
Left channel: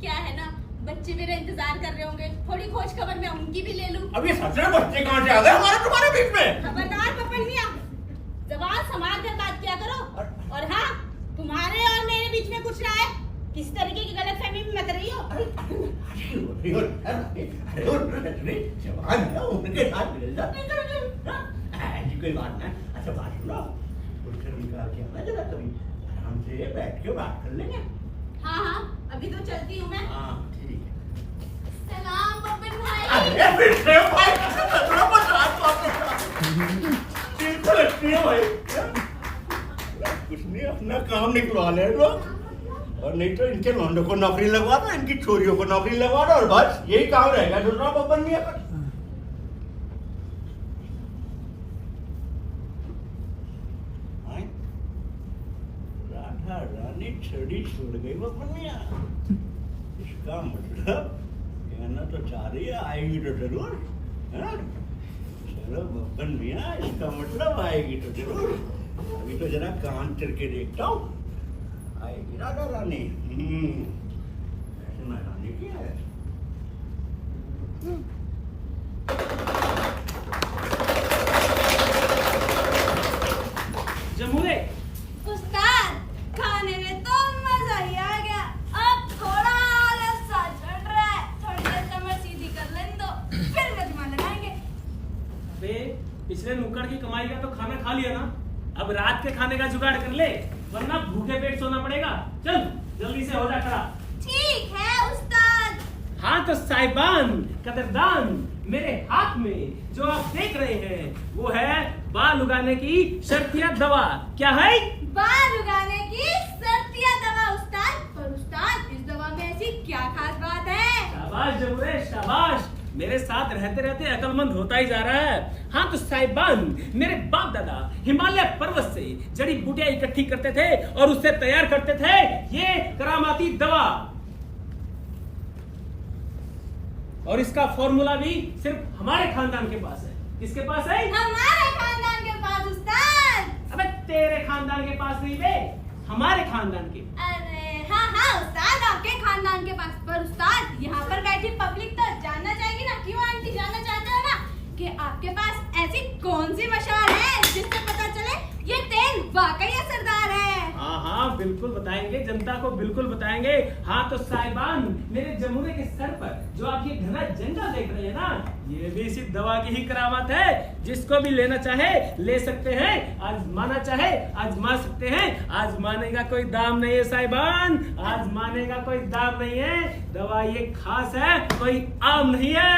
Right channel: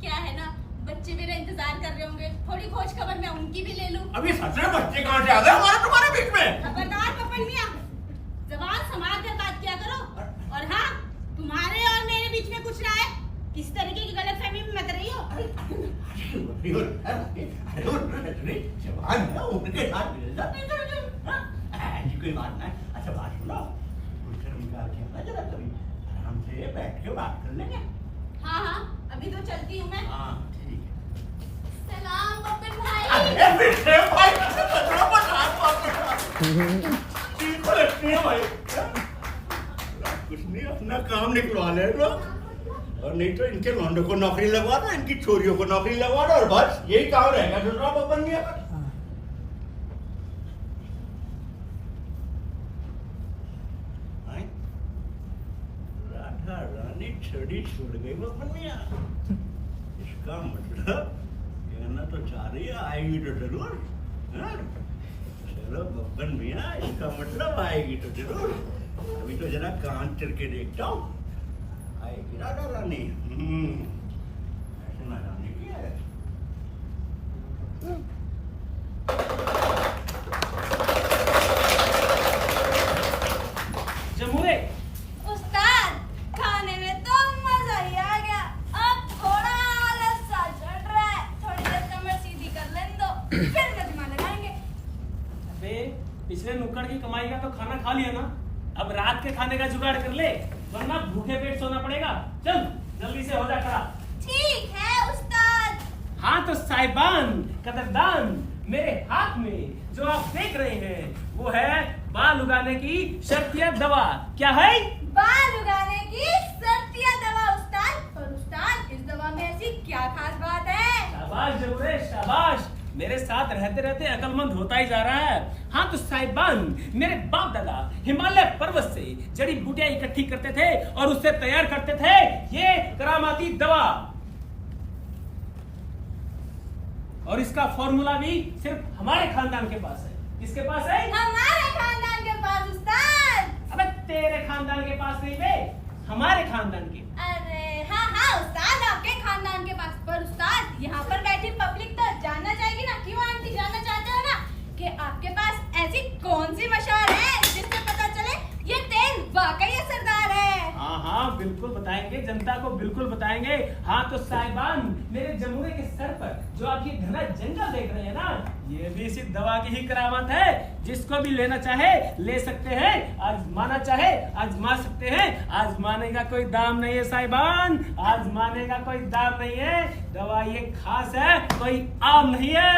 क्या है ना, बच्चे मेरा इंतजार कर रहे होंगे, थोड़ी खोज खबर मैं उनकी भी ले लूं। अभी ससुरे बच्चे कहाँ से आ गए हमारे तुम्हारे बीच में? खबरदार बब्बन मियाँ, जबान संभाल कर बात किया करो। और हाँ, तुम्हारे और मेरे बीच में कुछ ना है, किस तरीके की गलतफहमी में मत रही हो। उनके साथ मिल जाते ऐसी कोई बात नहीं। अच्छा बात सुनो, उनसे निकाल के आना जरा, कभी आराम से बैठ के बात कर लेंगे। हाँ हाँ अभी तो चलती हूँ मैं। हाँ ठीक है। सलाम बब्बन भाई। अरे बेटे भाई, कितना बदमाश बात है। बिल्कुल अच्छी है भाई। कुछ नहीं, अपना काम निकलवा ले लो, और नहीं तो इनके लौंडों को नौकरी लगवा दो, इनकी छोरियों को नौकरी लगवा दो, और बस यही काम रहेगा दूसरा बब्बन मियाँ का। राधा रानी छड़ी छोड़ गई बब्बन मियाँ, इसका मतलब कहना तो चाह रही है आएगी तो जरूर। हाँ? चलो बब्बन मियाँ, इसका मतलब आएगी तो जरूर। अभी तो जरा कान चल के देखता हूँ, आएगी राधा रानी। ऐसे ना रानी की है। जमूरे उस्ताद, खाने में तो मजा ही आ गया। अब थोड़ा आलस सा चढ़ रहा है, थोड़ी देर कमर सीधी कर लेने दो, फिर गजमा लगाएंगे। अबे पिछले नुक्कड़ की कमाई का तो खाना खा लिया ना, अब रात के खाने का जुगाड़ कर ले, वरना भूखे पेट सोना पड़ेगा। चल जल्दी से हो जा खड़ा। ठीक है उस्ताद। हाँ तो साहिबान कदरदान, मेरे हाथ में जो आप देख रहे हैं वो है बाल उगाने की शर्तिया दवा। क्या है? बाल उगाने की शर्तिया दवा उस्ताद। पर उस्ताद, इस दवा में ऐसी क्या खास बात है? शाबाश जमूरे शाबाश, मेरे साथ रहते रहते अकलमंद होता ही जा रहा है। हाँ तो साहिबान, मेरे बाप दादा हिमालय पर्वत से जड़ी बूटियां इकट्ठी करते थे और उससे तैयार करते थे ये करामाती दवा, और इसका फॉर्मूला भी सिर्फ हमारे खानदान के पास है। किसके पास है? हमारे खानदान के पास उस्ताद। अबे तेरे खानदान के पास नहीं बे, हमारे खानदान के। अरे हाँ हाँ उस्ताद, आपके खानदान के पास। पर उस्ताद, यहाँ पर बैठी पब्लिक तो जानना चाहेगी ना, क्यों आंटी जानना चाहते हो ना, कि आपके पास ऐसी कौन सी मशाल है जिससे पता चले ये तेल वाकई असरदार है। हाँ हाँ बिल्कुल बताएंगे, जनता को बिल्कुल बताएंगे। हाँ तो साहिबान, मेरे जमुरे के सर पर जो आप ये घना जंगल देख रहे हैं ना, ये भी इसी दवा की ही करामत है। जिसको भी लेना चाहे ले सकते हैं, आजमाना चाहे आजमा सकते हैं। आजमाने का कोई दाम नहीं है साहिबान, आजमाने का कोई दाम नहीं है। दवा ये खास है, कोई आम नहीं है।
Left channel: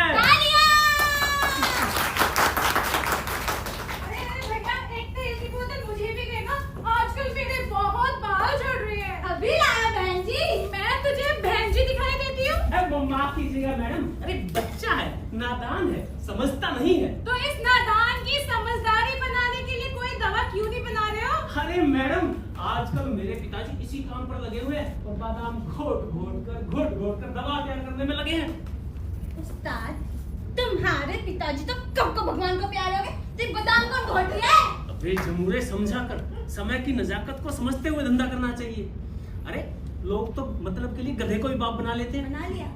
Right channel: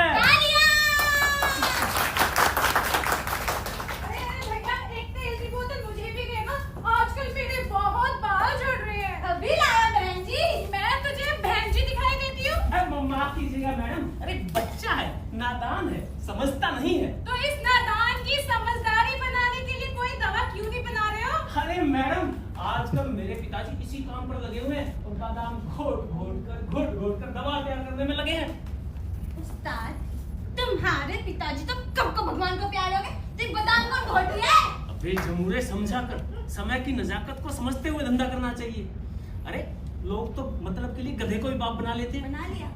अभी लाया बहन जी। मैं तुझे बहन जी दिखाई देती हूँ। माफ कीजिएगा मैडम, अरे बच्चा है, नादान है, समझता नहीं है। तो इस नादान की समझदारी बनाने के लिए कोई दवा क्यों नहीं बना रहे हो? अरे मैडम, आजकल मेरे पिताजी इसी काम पर लगे हुए हैं और बादाम घोट घोट कर दवा तैयार करने में लगे हैं। उस्ताद, तुम्हारे पिताजी तो कब को भगवान को प्यारे हो गए, तो बादाम कौन घोट रही है? अबे जमूरे, समझा कर, समय की नजाकत को समझते हुए धंधा करना चाहिए। अरे लोग तो मतलब के लिए गधे को भी बाप बना लेते हैं। बना लिया।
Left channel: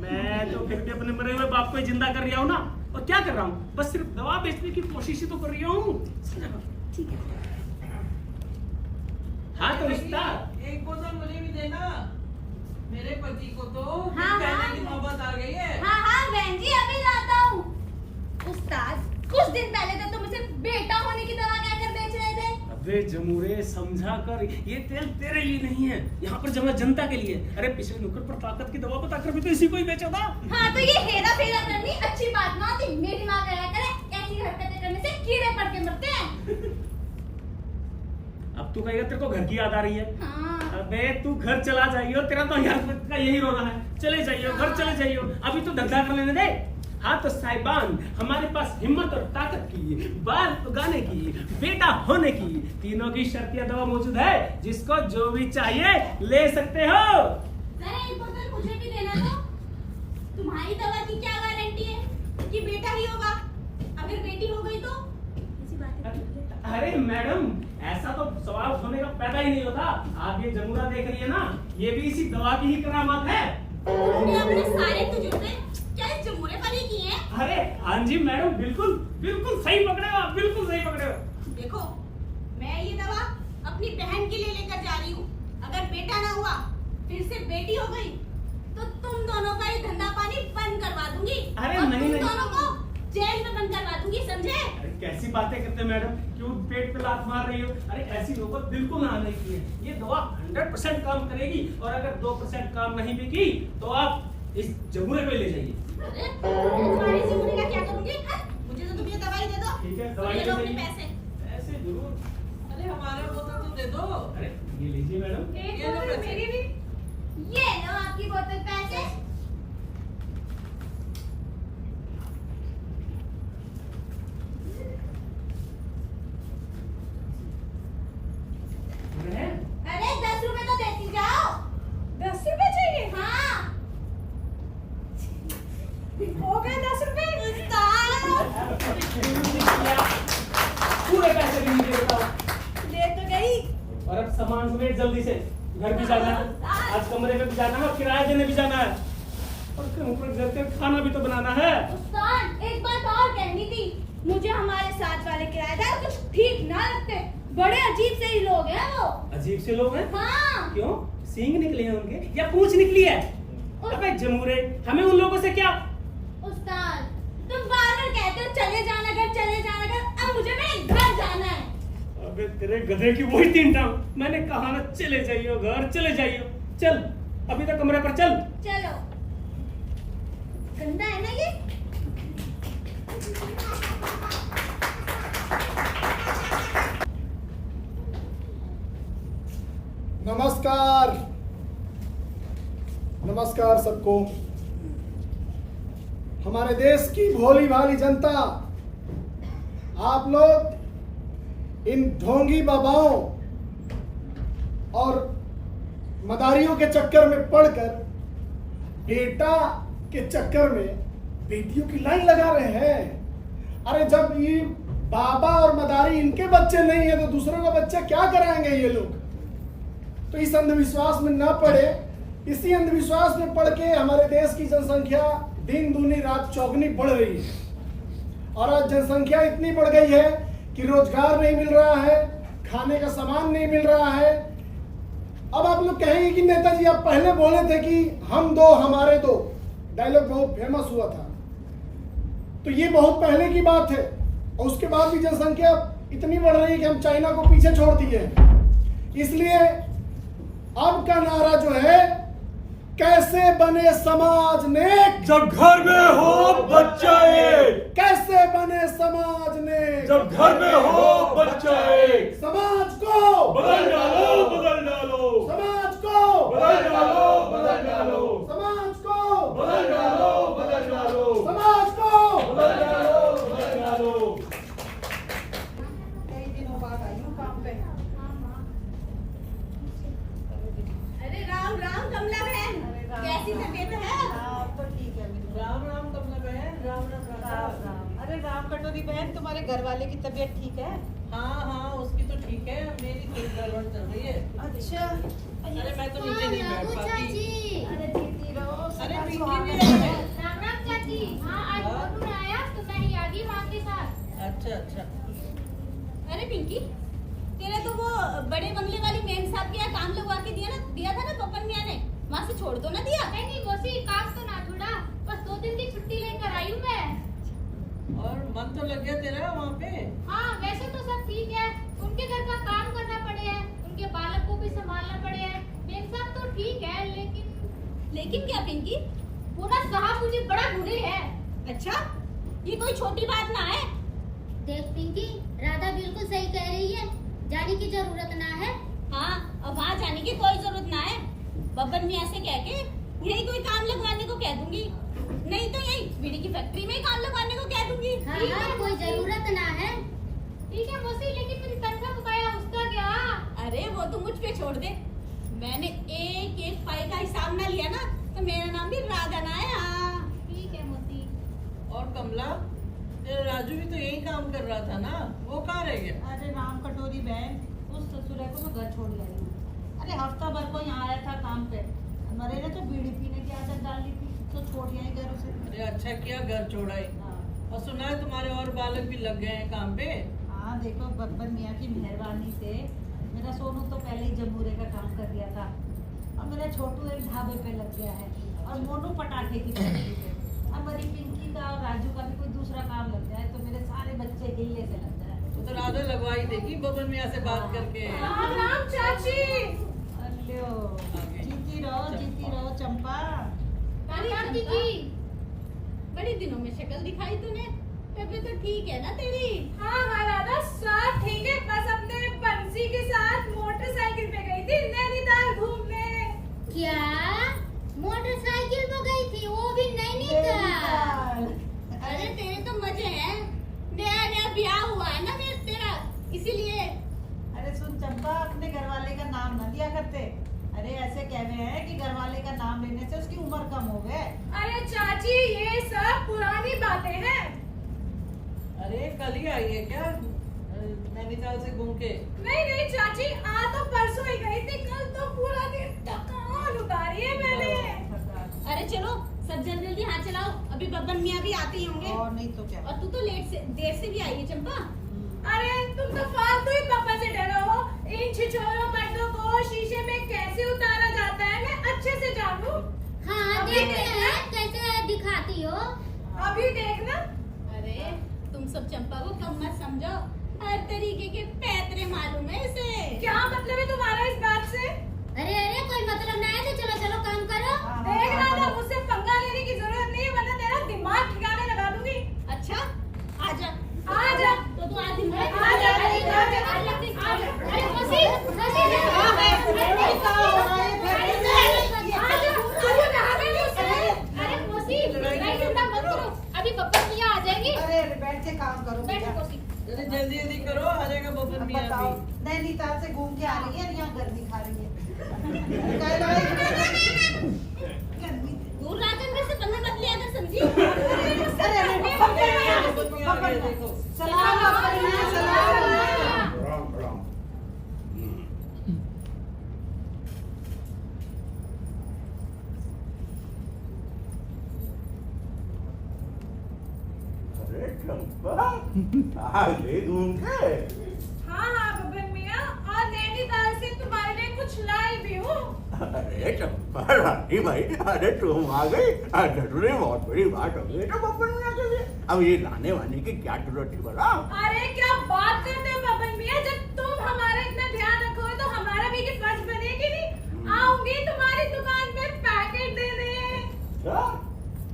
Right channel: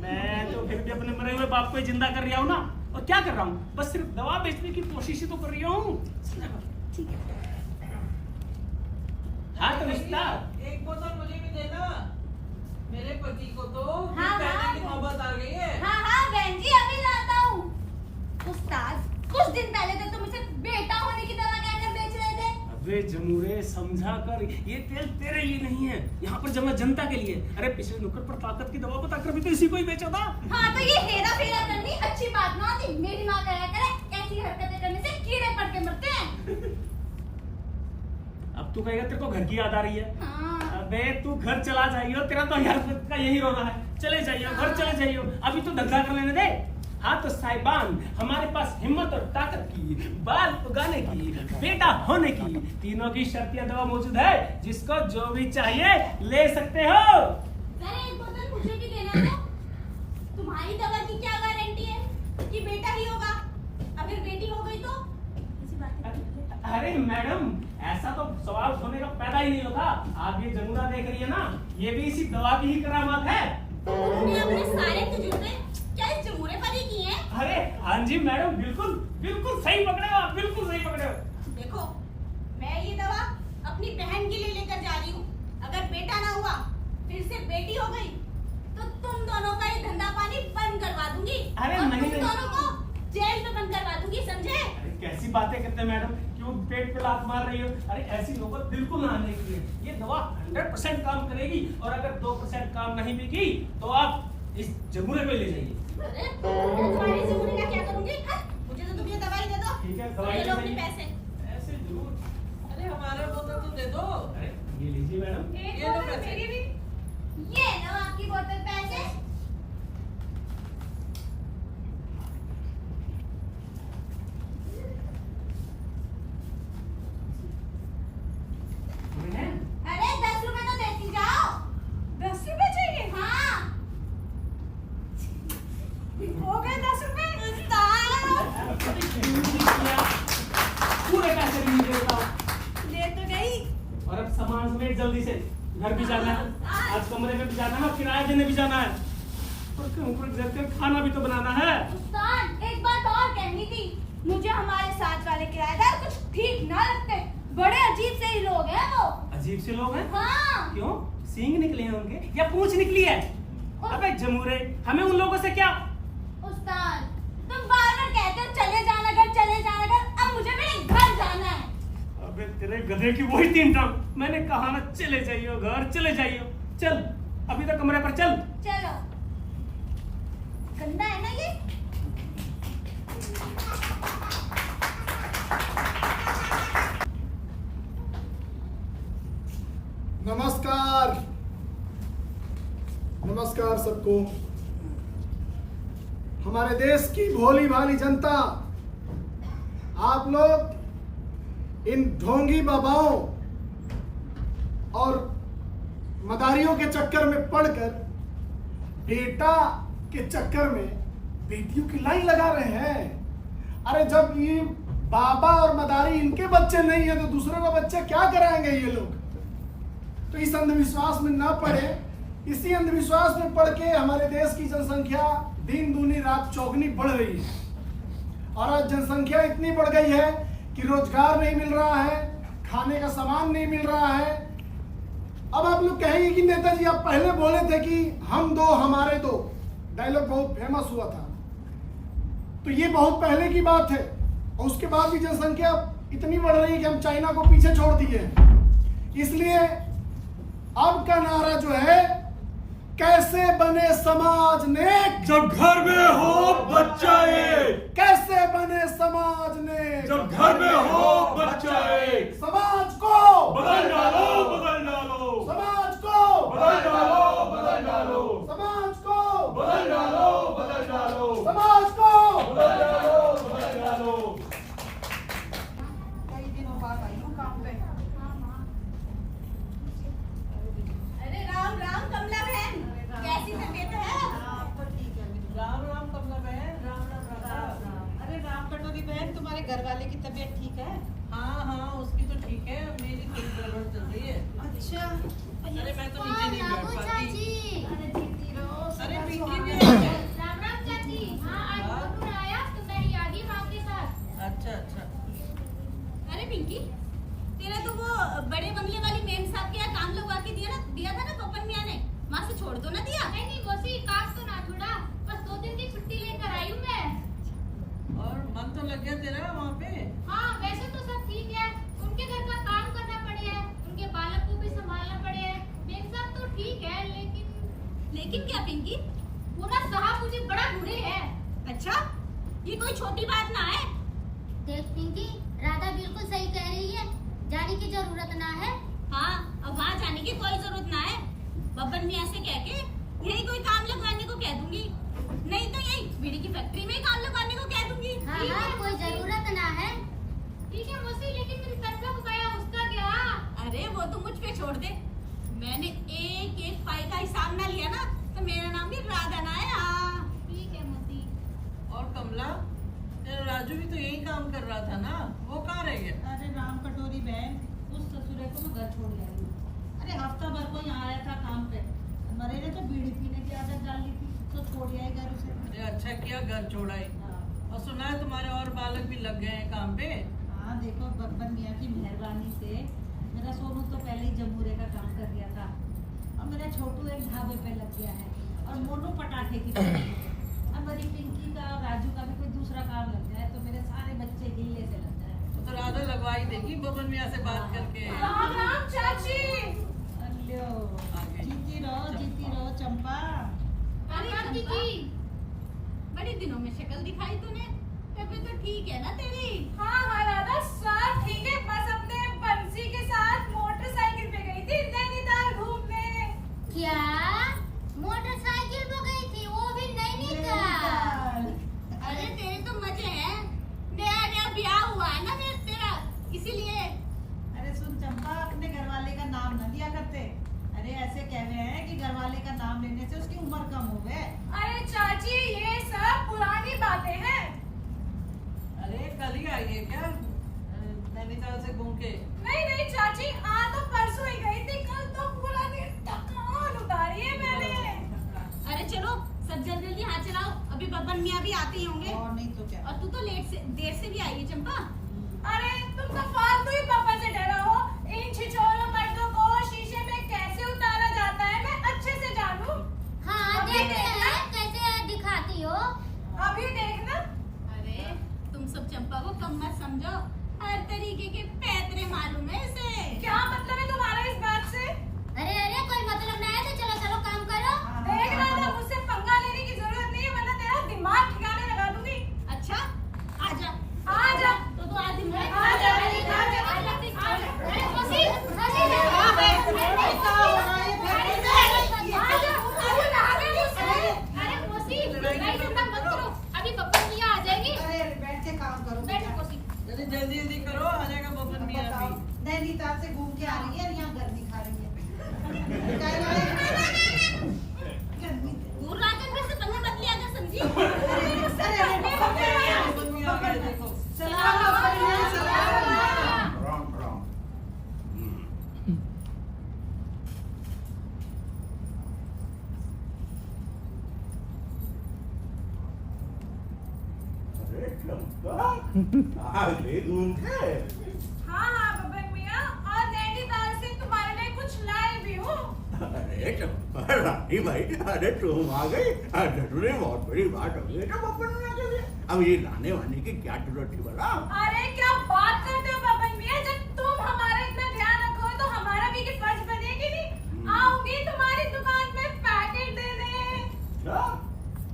मैं तो फिर भी अपने मरे हुए बाप को ही जिंदा कर रहा हूँ ना। और क्या कर रहा हूँ, बस सिर्फ दवा बेचने की कोशिश ही तो कर रहा हूँ। ठीक है। हाँ तो उस्ताद, एक बोतल मुझे भी देना, मेरे पति को तो हाँ, कहने हाँ। की नौबत आ गई है। हाँ हाँ बहन जी, अभी लाता हूँ। उस्ताद, कुछ दिन पहले तक तुम इसे बेटा होने की दवा कहकर बेच रहे थे। अबे जमूरे, समझा कर, ये तेल तेरे लिए नहीं है, यहाँ पर जमा जनता के लिए। अरे पिछले नुक्कड़ पर ताकत की दवा बताकर भी तो इसी को ही बेचा था। हाँ तो ये हेरा फेरा करनी अच्छी बात ना होती। मेरी माँ कहा करे ऐसी हरकतें करने से कीड़े पड़ के मरते हैं। अब तू कहेगा तेरे को घर की याद आ रही है। हाँ। अबे तू घर चला जाइयो, तेरा तो यार का यही रोना है। चले जाइयो, घर चले जाइयो, अभी तो धंधा कर लेने दे। हाँ तो साहिबान, हमारे पास हिम्मत और ताकत की, बाल उगाने की, बेटा होने की, तीनों की शर्तियां दवा मौजूद है। जिसको जो भी चाहिए ले सकते हो। जरा एक बोतल मुझे भी देना तो। तुम्हारी दवा की क्या गारंटी है कि बेटा ही होगा? अगर बेटी हो गई तो? ऐसी बातें करते हैं। अरे मैडम, ऐसा तो सवाल होने का पैदा ही नहीं होता। आप ये जमुना देख रही है ना, ये भी इसी दवा की ही करामात है। तुमने अपने सारे तजुर्बे क्या इस जमूरे पर ही किए हैं? अरे हाँ जी मैडम, बिल्कुल बिल्कुल सही पकड़े हो आप, बिल्कुल सही पकड़े हो। देखो, मैं ये दवा अपनी बहन के लिए लेकर जा रही हूँ। अगर बेटा ना हुआ, फिर से बेटी हो गई, तो तुम दोनों का ये धंधा पानी बंद करवा दूंगी। अरे और नहीं, तुम नहीं। दोनों को जेल में बंद करवा दूंगी, समझे? अरे कैसी बातें करते हैं मैडम, क्यों पेट पे लात मार रही हो? अरे ऐसी नौबत बिल्कुल आने की है। ये दवा 100% काम करेगी, और अगर 2% काम नहीं भी की तो आप इस जमुरे पे ले जाइए। अरे तुम्हारी जमूरे का क्या करूंगी? मुझे तो तुम ये दवाई दे दो। ठीक है, दवाई ले ले लो अपने जाइए। पैसे। ऐसे जरूर। अरे हमारा बोतल तो दे दो। अरे ये लीजिए मैडम। एक ये लो बोतल पैसे। मेरी भी। ये लो आपकी बोतल पैसे। बहन, अरे 10 रुपए तो देती जाओ। 10 रुपए चाहिए? हाँ। हो गए 10 रुपए। पूरे पैसे भी नहीं देता हूँ। ले तो गई। और अब सामान समेट जल्दी से, घर भी जाना है, आज कमरे में भी जाना है, और किराया देने भी जाना है, और घर का खाना भी तो बनाना है। उस्ताद, एक बात और कहनी थी। मुझे हमारे साथ वाले किराएदार कुछ ठीक ना लगते। बड़े अजीब से ही लोग हैं वो। अजीब से लोग हैं? हाँ। क्यों, सींग निकले हैं उनके या पूंछ निकली है? अबे जमूरे, हमें उन लोगों से क्या? उस्ताद, तुम बार-बार कहते हो चले जाना घर, चले जाना घर। अब मुझे मेरे घर जाना है। अबे तेरे गधे की वही 3 टांग। मैंने कहा ना, चले जाइयो घर, चले जाइयो। चल अभी तो कमरे पर चल। चलो। गंदा है ना ये? नमस्कार, नमस्कार सबको। हमारे देश की भोली भाली जनता, आप लोग इन ढोंगी बाबाओं और मदारियों के चक्कर में पड़कर बेटा के चक्कर में बेटियों की लाइन लगा रहे हैं। अरे जब ये बाबा और मदारी इनके बच्चे नहीं है तो दूसरों का बच्चा क्या कराएंगे ये लोग? तो इस अंधविश्वास में ना पड़े। इसी अंधविश्वास में पड़ के हमारे देश की जनसंख्या दिन दूनी रात चौगुनी बढ़ रही है, और आज जनसंख्या इतनी बढ़ गई है कि रोजगार नहीं मिल रहा है, खाने का सामान नहीं मिल रहा है। अब आप लोग कहेंगे कि नेताजी आप पहले बोले थे कि हम दो हमारे दो, डायलॉग बहुत फेमस हुआ था, तो ये बहुत पहले की बात है, और उसके बाद भी जनसंख्या इतनी बढ़ रही है कि हम चाइना को पीछे छोड़ दिए हैं। इसलिए अब का नारा जो है, कैसे बने समाज नेक जब घर में हो बच्चा एक, कैसे बने समाज नेक जब घर में हो बच्चा एक, समाज को बदल डालो, बदल डालो, समाज को बदल डालो, बदल डालो, समाज को बदल डालो, बदल डालो, समाज को बदल डालो, बदल डालो। कई दिनों बाद आई हूँ काम पे। अरे राम राम कमला बहन, कैसी तबीयत है? अब तो ठीक है मेरी। राम राम कटोरी बहन, तुम्हारे घर वाले की तबीयत ठीक है? हाँ हाँ, उसकी तो ठीक है, मेरी थोड़ी गड़बड़ चल रही है। अच्छा। अरे मैं तो नीचे नहीं बैठ पाती। चाची। अरे जीती रहो। अरे सदा पिंकी सुहागन भी रहो। है। राम राम चाची। हाँ आज हाँ। मोनू आया तो मैं ही आ गई माँ के साथ। अच्छा अच्छा। अरे पिंकी, तेरा तो वो बड़े बंगले वाली मेम साहब के यहाँ काम लगवा के दिया था ना पपन मियाँ ने, वहाँ से छोड़ दो ना दिया। नहीं नहीं मौसी, काम तो ना छोड़ा, बस 2 दिन की छुट्टी लेकर आई हूँ मैं। और मन तो लग गया तेरा वहाँ पे? हाँ वैसे तो सब ठीक है, उनके घर का काम करना पड़े है, उनके बालक को भी संभालना पड़े है। मेम साहब तो ठीक है, लेकिन क्या पिंकी? वो ना साहब मुझे बड़ा बुरे है। अच्छा, ये कोई छोटी बात ना है। देख पिंकी, राधा बिल्कुल सही कह रही है, जाने की जरूरत ना है। हाँ, अब वहाँ जाने की कोई जरूरत ना है। बब्बन मियाँ से कह के यही कोई काम लगवाने को कह दूंगी, नहीं तो यही बीड़ी की फैक्ट्री में ही काम लगवाने को कह दूंगी। हाँ ठीक हाँ, है, कोई जरूरत ना है। ठीक है मौसी, लेकिन मेरी तनख्वाह बकाया उसका क्या? अरे वो तो मुझ पे छोड़ दे, मैंने एक एक फाइल का हिसाब ना लिया ना तो मेरा नाम भी राधा ना है। हाँ ठीक है मौसी। और कमला, तेरा राजू भी तो यही काम कर रहा था ना, वो कहाँ रह गया? अरे राम कटोरी बहन, उस ससुरे को मैं घर छोड़ लाई हूँ। अरे हफ्ता भर को यहाँ आया था काम पे, हमारे ने तो बीड़ी पीने की आदत डाल ली थी, तो छोड़ आई घर उसे। अरे अच्छा किया घर छोड़ाई। हाँ। और सुना है तुम्हारे और बालक भी लग गए हैं काम पे? हाँ देखो, बब्बन मियाँ की मेहरबानी से मेरा सोनू तो पहले ही जमूरे का काम कर दिया था, और मेरा छोटू एक ढाबे पे लग गया है, और मोनू पटाखे की फैक्ट्री पे। अब मेरी पिंकी का और राजू का भी कोई दूसरा काम लग जाए तो मेरे सारे बच्चे गिल्ले से लग जाए। वो तो राधा लगवाई देगी बबन मियाँ से बात करके। राम राम चाची। अल्लो, आगे। जीती रहो चंपा। अरे काकी चंपा, जी। बड़ी दिनों में शक्ल दिखाई तूने, तबीयत तो ठीक है ना तेरी? हाँ हाँ राधा, सब ठीक है, बस अपने बंसी के साथ मोटरसाइकिल पे गई थी नैनीताल घूमने। क्या मोटरसाइकिल पे गई थी, वो भी नैनीताल? अरे तेरे तो मजे हैं, नया नया ब्याह हुआ है ना तेरा, इसीलिए। अरे सुन चंपा, अपने घर वाले का नाम न लिया करते। अरे ऐसे कहवे हैं कि घर वाले का नाम लेने से उसकी उम्र कम हो गए। अरे चाची, ये सब पुरानी बातें हैं। अरे कल ही आई है क्या नैनीताल से घूम के? नहीं नहीं चाची, आज तो परसों ही गई थी, कल तो पूरा दिन थकान उतारी है मैंने। अरे चलो सब जल्दी हाथ चलाओ, अभी बब्बन मियाँ भी आते ही होंगे। और नहीं तो क्या। और तू तो देर से भी आई है चंपा। अरे तुम तो फालतू ही पापा से डरो हो, इन छिछोरों मर्दों को शीशे में कैसे उतारा जाता है मैं अच्छे से जानू। हाँ अभी देखते देखना। हैं कैसे दिखाती हो। अभी देखना। अरे तुम सब चंपा को कम मत समझो, हर तरीके के पैतरे मालूम है इसे। क्या मतलब है तुम्हारा इस बात से? अरे अरे कोई मतलब ना है तो चलो चलो काम करो। देख रहा था, मुझसे पंगा लेने की जरूरत नहीं है, वरना तेरा दिमाग ठिकाने लगा दूंगी। अच्छा आजा आजा। तो तू आज दिन भर आजा, आजा, आजा। अरे मौसी, मौसी अरे मौसी, लड़ाई झगड़ा मत करो, अभी बब्बन मियाँ आ जाएंगी। अरे बैठ के काम करो। बैठो मौसी। अरे जल्दी जल्दी करो, आ जाएगा बबन मियाँ बताओ, भी। नैनीताल से घूम के आ रही है और यहाँ गर्मी खा रही है। काय लड़ाई? गर्मी। दूर राजन में से पंगे मत लिया कर, समझी? अरे बबन मियाँ आ गए देखो। सलाम बब्बन मियाँ, सलाम। राम राम। अरे चंपा, आ गई घूम के। हाँ हाँ बब्बन मियाँ, और नैनीताल से तुम्हारे लिए कुछ लाई भी हूँ। अरे चंपा रानी भाई, अरे तुम आ गई, जरूर बहुत बड़ी बात हो गई तो बब्बन मियाँ के लिए। अब ये लाने वाने की क्या जरूरत थी बड़ा? अरे क्या बात करते हो बब्बन मियाँ, जब तुम हमारा इतना ध्यान रखोगे तो हमारा भी ये फर्ज बनेगी नहीं। आऊंगी तुम्हारी दुकान पे पैकेट दे दे। क्या?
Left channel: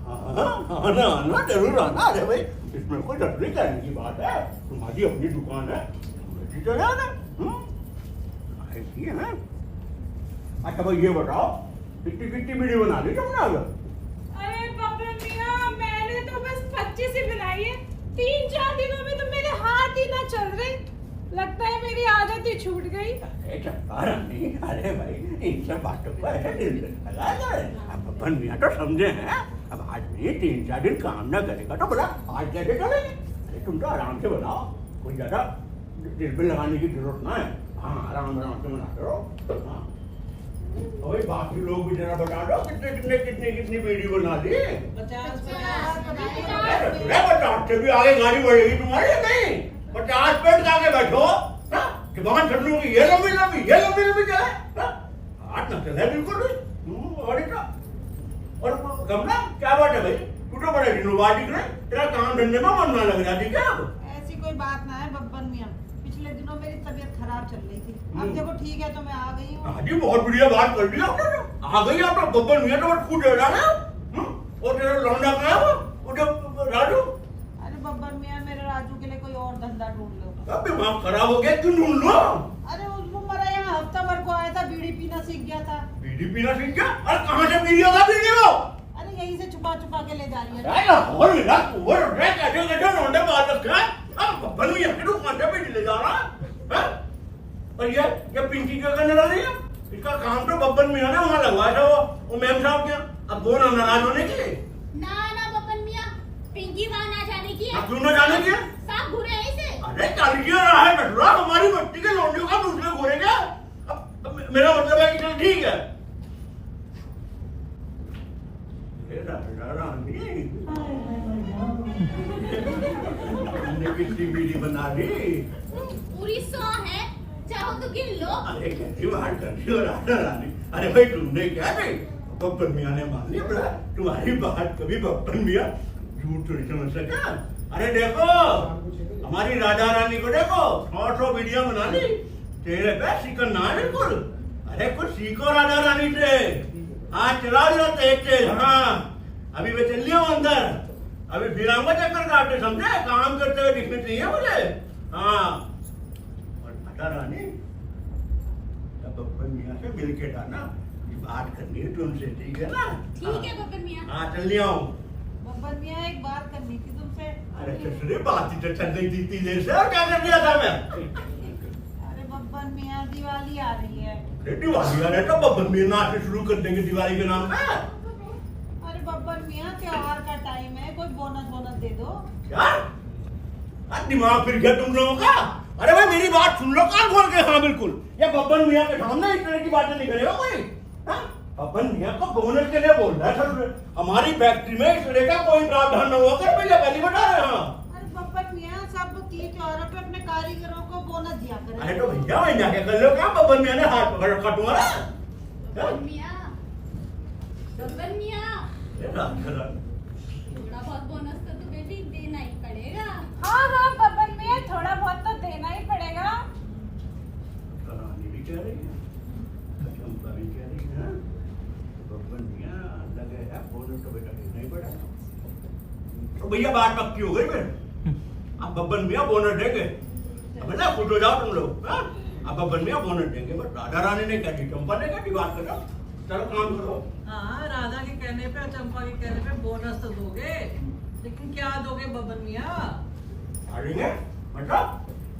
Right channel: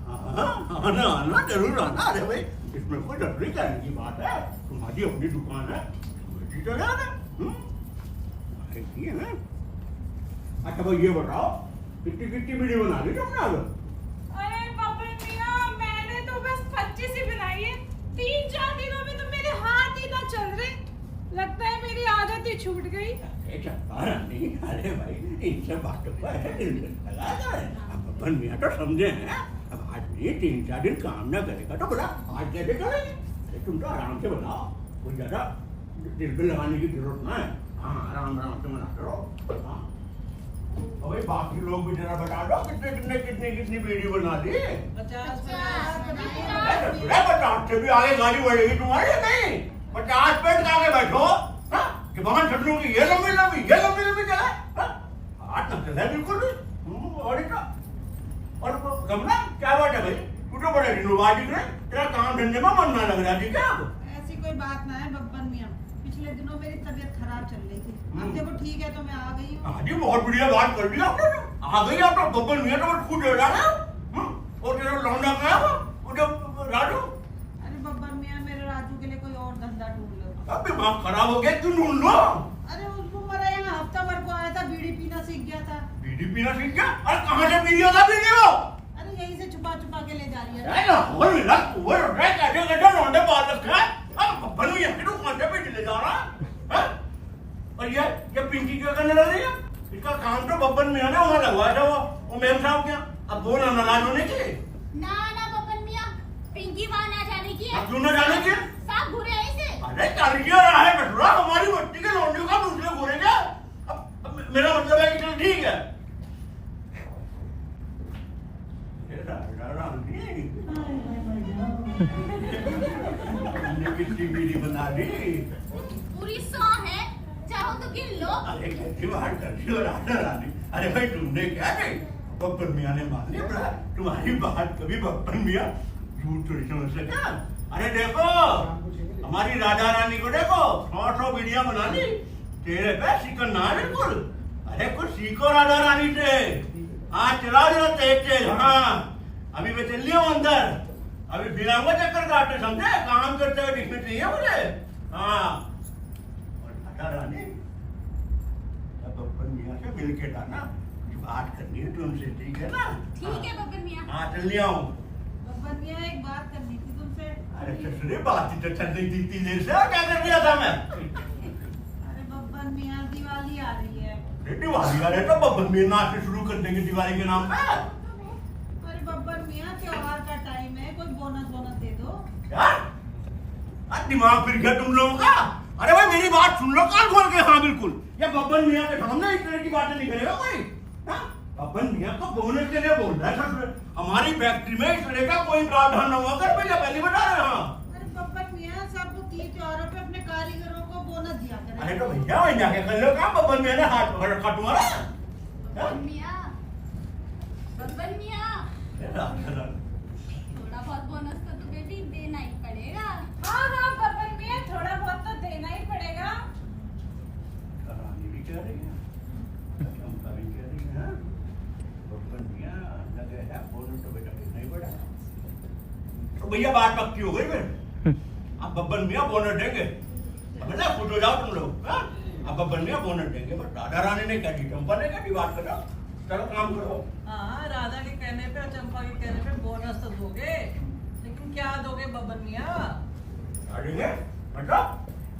हाँ, आना जरूर आना। अरे भाई, इसमें कोई डरने करने की बात है, तुम्हारी अपनी दुकान है, बेटी तो याद है। ऐसी है। अच्छा भाई ये बताओ, कितनी कितनी वीडियो बना ली तुमने अगर? अरे बब्बन मियाँ, मैंने तो बस 25 ही बनाई है, 3-4 दिनों में तो मेरे हाथ ही ना चल रहे, लगता है मेरी आदत ही छूट गई। अरे चंपा रानी, अरे भाई इन सब बातों को ऐसे दिल लगा जाए। अब बब्बन मियाँ तो समझे हैं, अब आज नहीं 3-4 दिन काम ना करेगा तो बोला आज कैसे चलेगी? अरे तुम तो आराम से बनाओ, कोई ज्यादा दिल पे लगाने की जरूरत ना है। हाँ आराम आराम से बनाते रहो। हाँ और बाकी लोग भी जरा बता दो कितनी वीडियो बना दी। 50 50 से भी आगे गाड़ी बढ़ेगी तुम्हारी नहीं। 50 पेड़ के आगे बैठो कि भगवान छटरू की ये लंबी चले हाथ न चले बिल्कुल भी। और कमला क्या बात है भाई, तू तो बड़े ढिंडोबाज दिख रहे, तेरा काम धंधे में मन ना लग रहा थी क्या? ऐसी कोई बात ना है बब्बन मियां, पिछले दिनों मेरी तबीयत खराब चल रही थी, अब देखो ठीक है तो मैं आ गई हूँ। हाँ जी बहुत बढ़िया बात कर दी आपने, आ गई आप तो बब्बन मियां तो खुद ले रहा है। और तेरा लौंडा क्या है वो जब राजू? अरे बब्बन मियां मेरे राजू के लिए कोई और धंधा ढूंढ लो। अब दिमाग खराब हो गया, क्यों ढूंढ लो? अरे उसको मरा यहाँ हफ्ता भर को आया था, बीड़ी पीना सीख गया था। बीड़ी पीना सीख गया? अरे कहाँ से पी लिया था बीड़ी वो? अरे यहीं से छुपा के ले जा रही है। और मिला वो कैसे लौंडे बाल रखा है, अब बब्बन मियां के दुकान पे बीड़ी ले जा रहा है। और ये पिंकी क्या करने लगी है? इसका काम तो बब्बन मियां ने वहाँ लगवाया था वो मैम साहब क्या, अब वो ना नाराज होने के लिए। ना बब्बन मियां, पिंकी वहाँ ना जाने की है। अब क्यों ना जाने की? साहब घूरे हैं इसे। अरे चल क्या रहा है बटुआ, हमारी बच्ची के लौंडियों का दूसरे घूरेगा। अब मेरा मतलब है कि चल ठीक है। हमने कितनी बीड़ी बना ली, पूरी 100 है, चाहो तो गिन लो। अरे कैसी बात कर रही हो राधा रानी? अरे भाई तुमने क्या नहीं, बब्बन मियां ने मान लिया बड़ा, तुम्हारी बात कभी बब्बन मियां झूठ थोड़ी समझ सका। अरे देखो हमारी राधा रानी को देखो 100 बीड़ियां बना ली, तेरे पे शिकन ना बिल्कुल। अरे कुछ सीखो राधा रानी से, आज चला दो तेज। हाँ अभी मैं चल लिया अंदर, अभी बिरांगा चक्कर काटते समझे, काम करते हुए दिखने चाहिए मुझे। हाँ और राधा रानी बब्बन मियां से मिल के जाना, बात करनी है तुमसे, ठीक है ना? ठीक है बब्बन मियां। हाँ चल लिया हूँ। बब्बन मियां एक बात करनी थी तुमसे। अरे ससुरे बात ही तो चल रही थी इतनी देर से, और क्या कर दिया था मैं? अरे बब्बन मियां दिवाली आ रही है। दिवाली आ रही है तो बब्बन मियां नाचने शुरू कर देंगे दिवाली के नाम पे। अरे बब्बन मियां त्योहार का टाइम है, कोई बोनस दे दो। क्या? आज दिमाग फिर गया तुम लोगों का? अरे भाई मेरी बात सुन लो कान खोल के। हाँ बिल्कुल, ये बब्बन मियां के सामने इस तरह की बातें नहीं करेगा कोई। बब्बन मियां को बोनस के लिए बोल रहा है ससुरे, हमारी फैक्ट्री में इस तरह का कोई प्रावधान न होकर पहले बता रहे हैं। अरे बब्बन मियां सब तीज त्योहारों पे अपने कारीगरों को बोनस दिया करें। अरे तो भैया मैं जाके कर लो काम, बब्बन मियां ने हाथ पकड़ रखा तुम्हारा। बब्बन मियां थोड़ा बहुत बोनस तो बेटी देना ही पड़ेगा। हाँ बब्बन मियां थोड़ा बहुत तो देना ही पड़ेगा। रानी भी कह रही है, चंपा भी कह रही है, बब्बन मियां लगे है बोनस तो बेटा देना ही पड़ेगा। तो भैया बात पक्की हो गई फिर, अब बब्बन मियां बोनस देंगे। अब ना खुश हो जाओ तुम लोग। अब बब्बन मियां बोनस देंगे, बस राधा रानी ने कह दी, चंपा ने कह दी, बात करो चलो काम करो। हाँ राधा के कहने पे और चंपा के कहने पे बोनस तो दोगे, लेकिन क्या दोगे बब्बन मियां? क्या देंगे मतलब?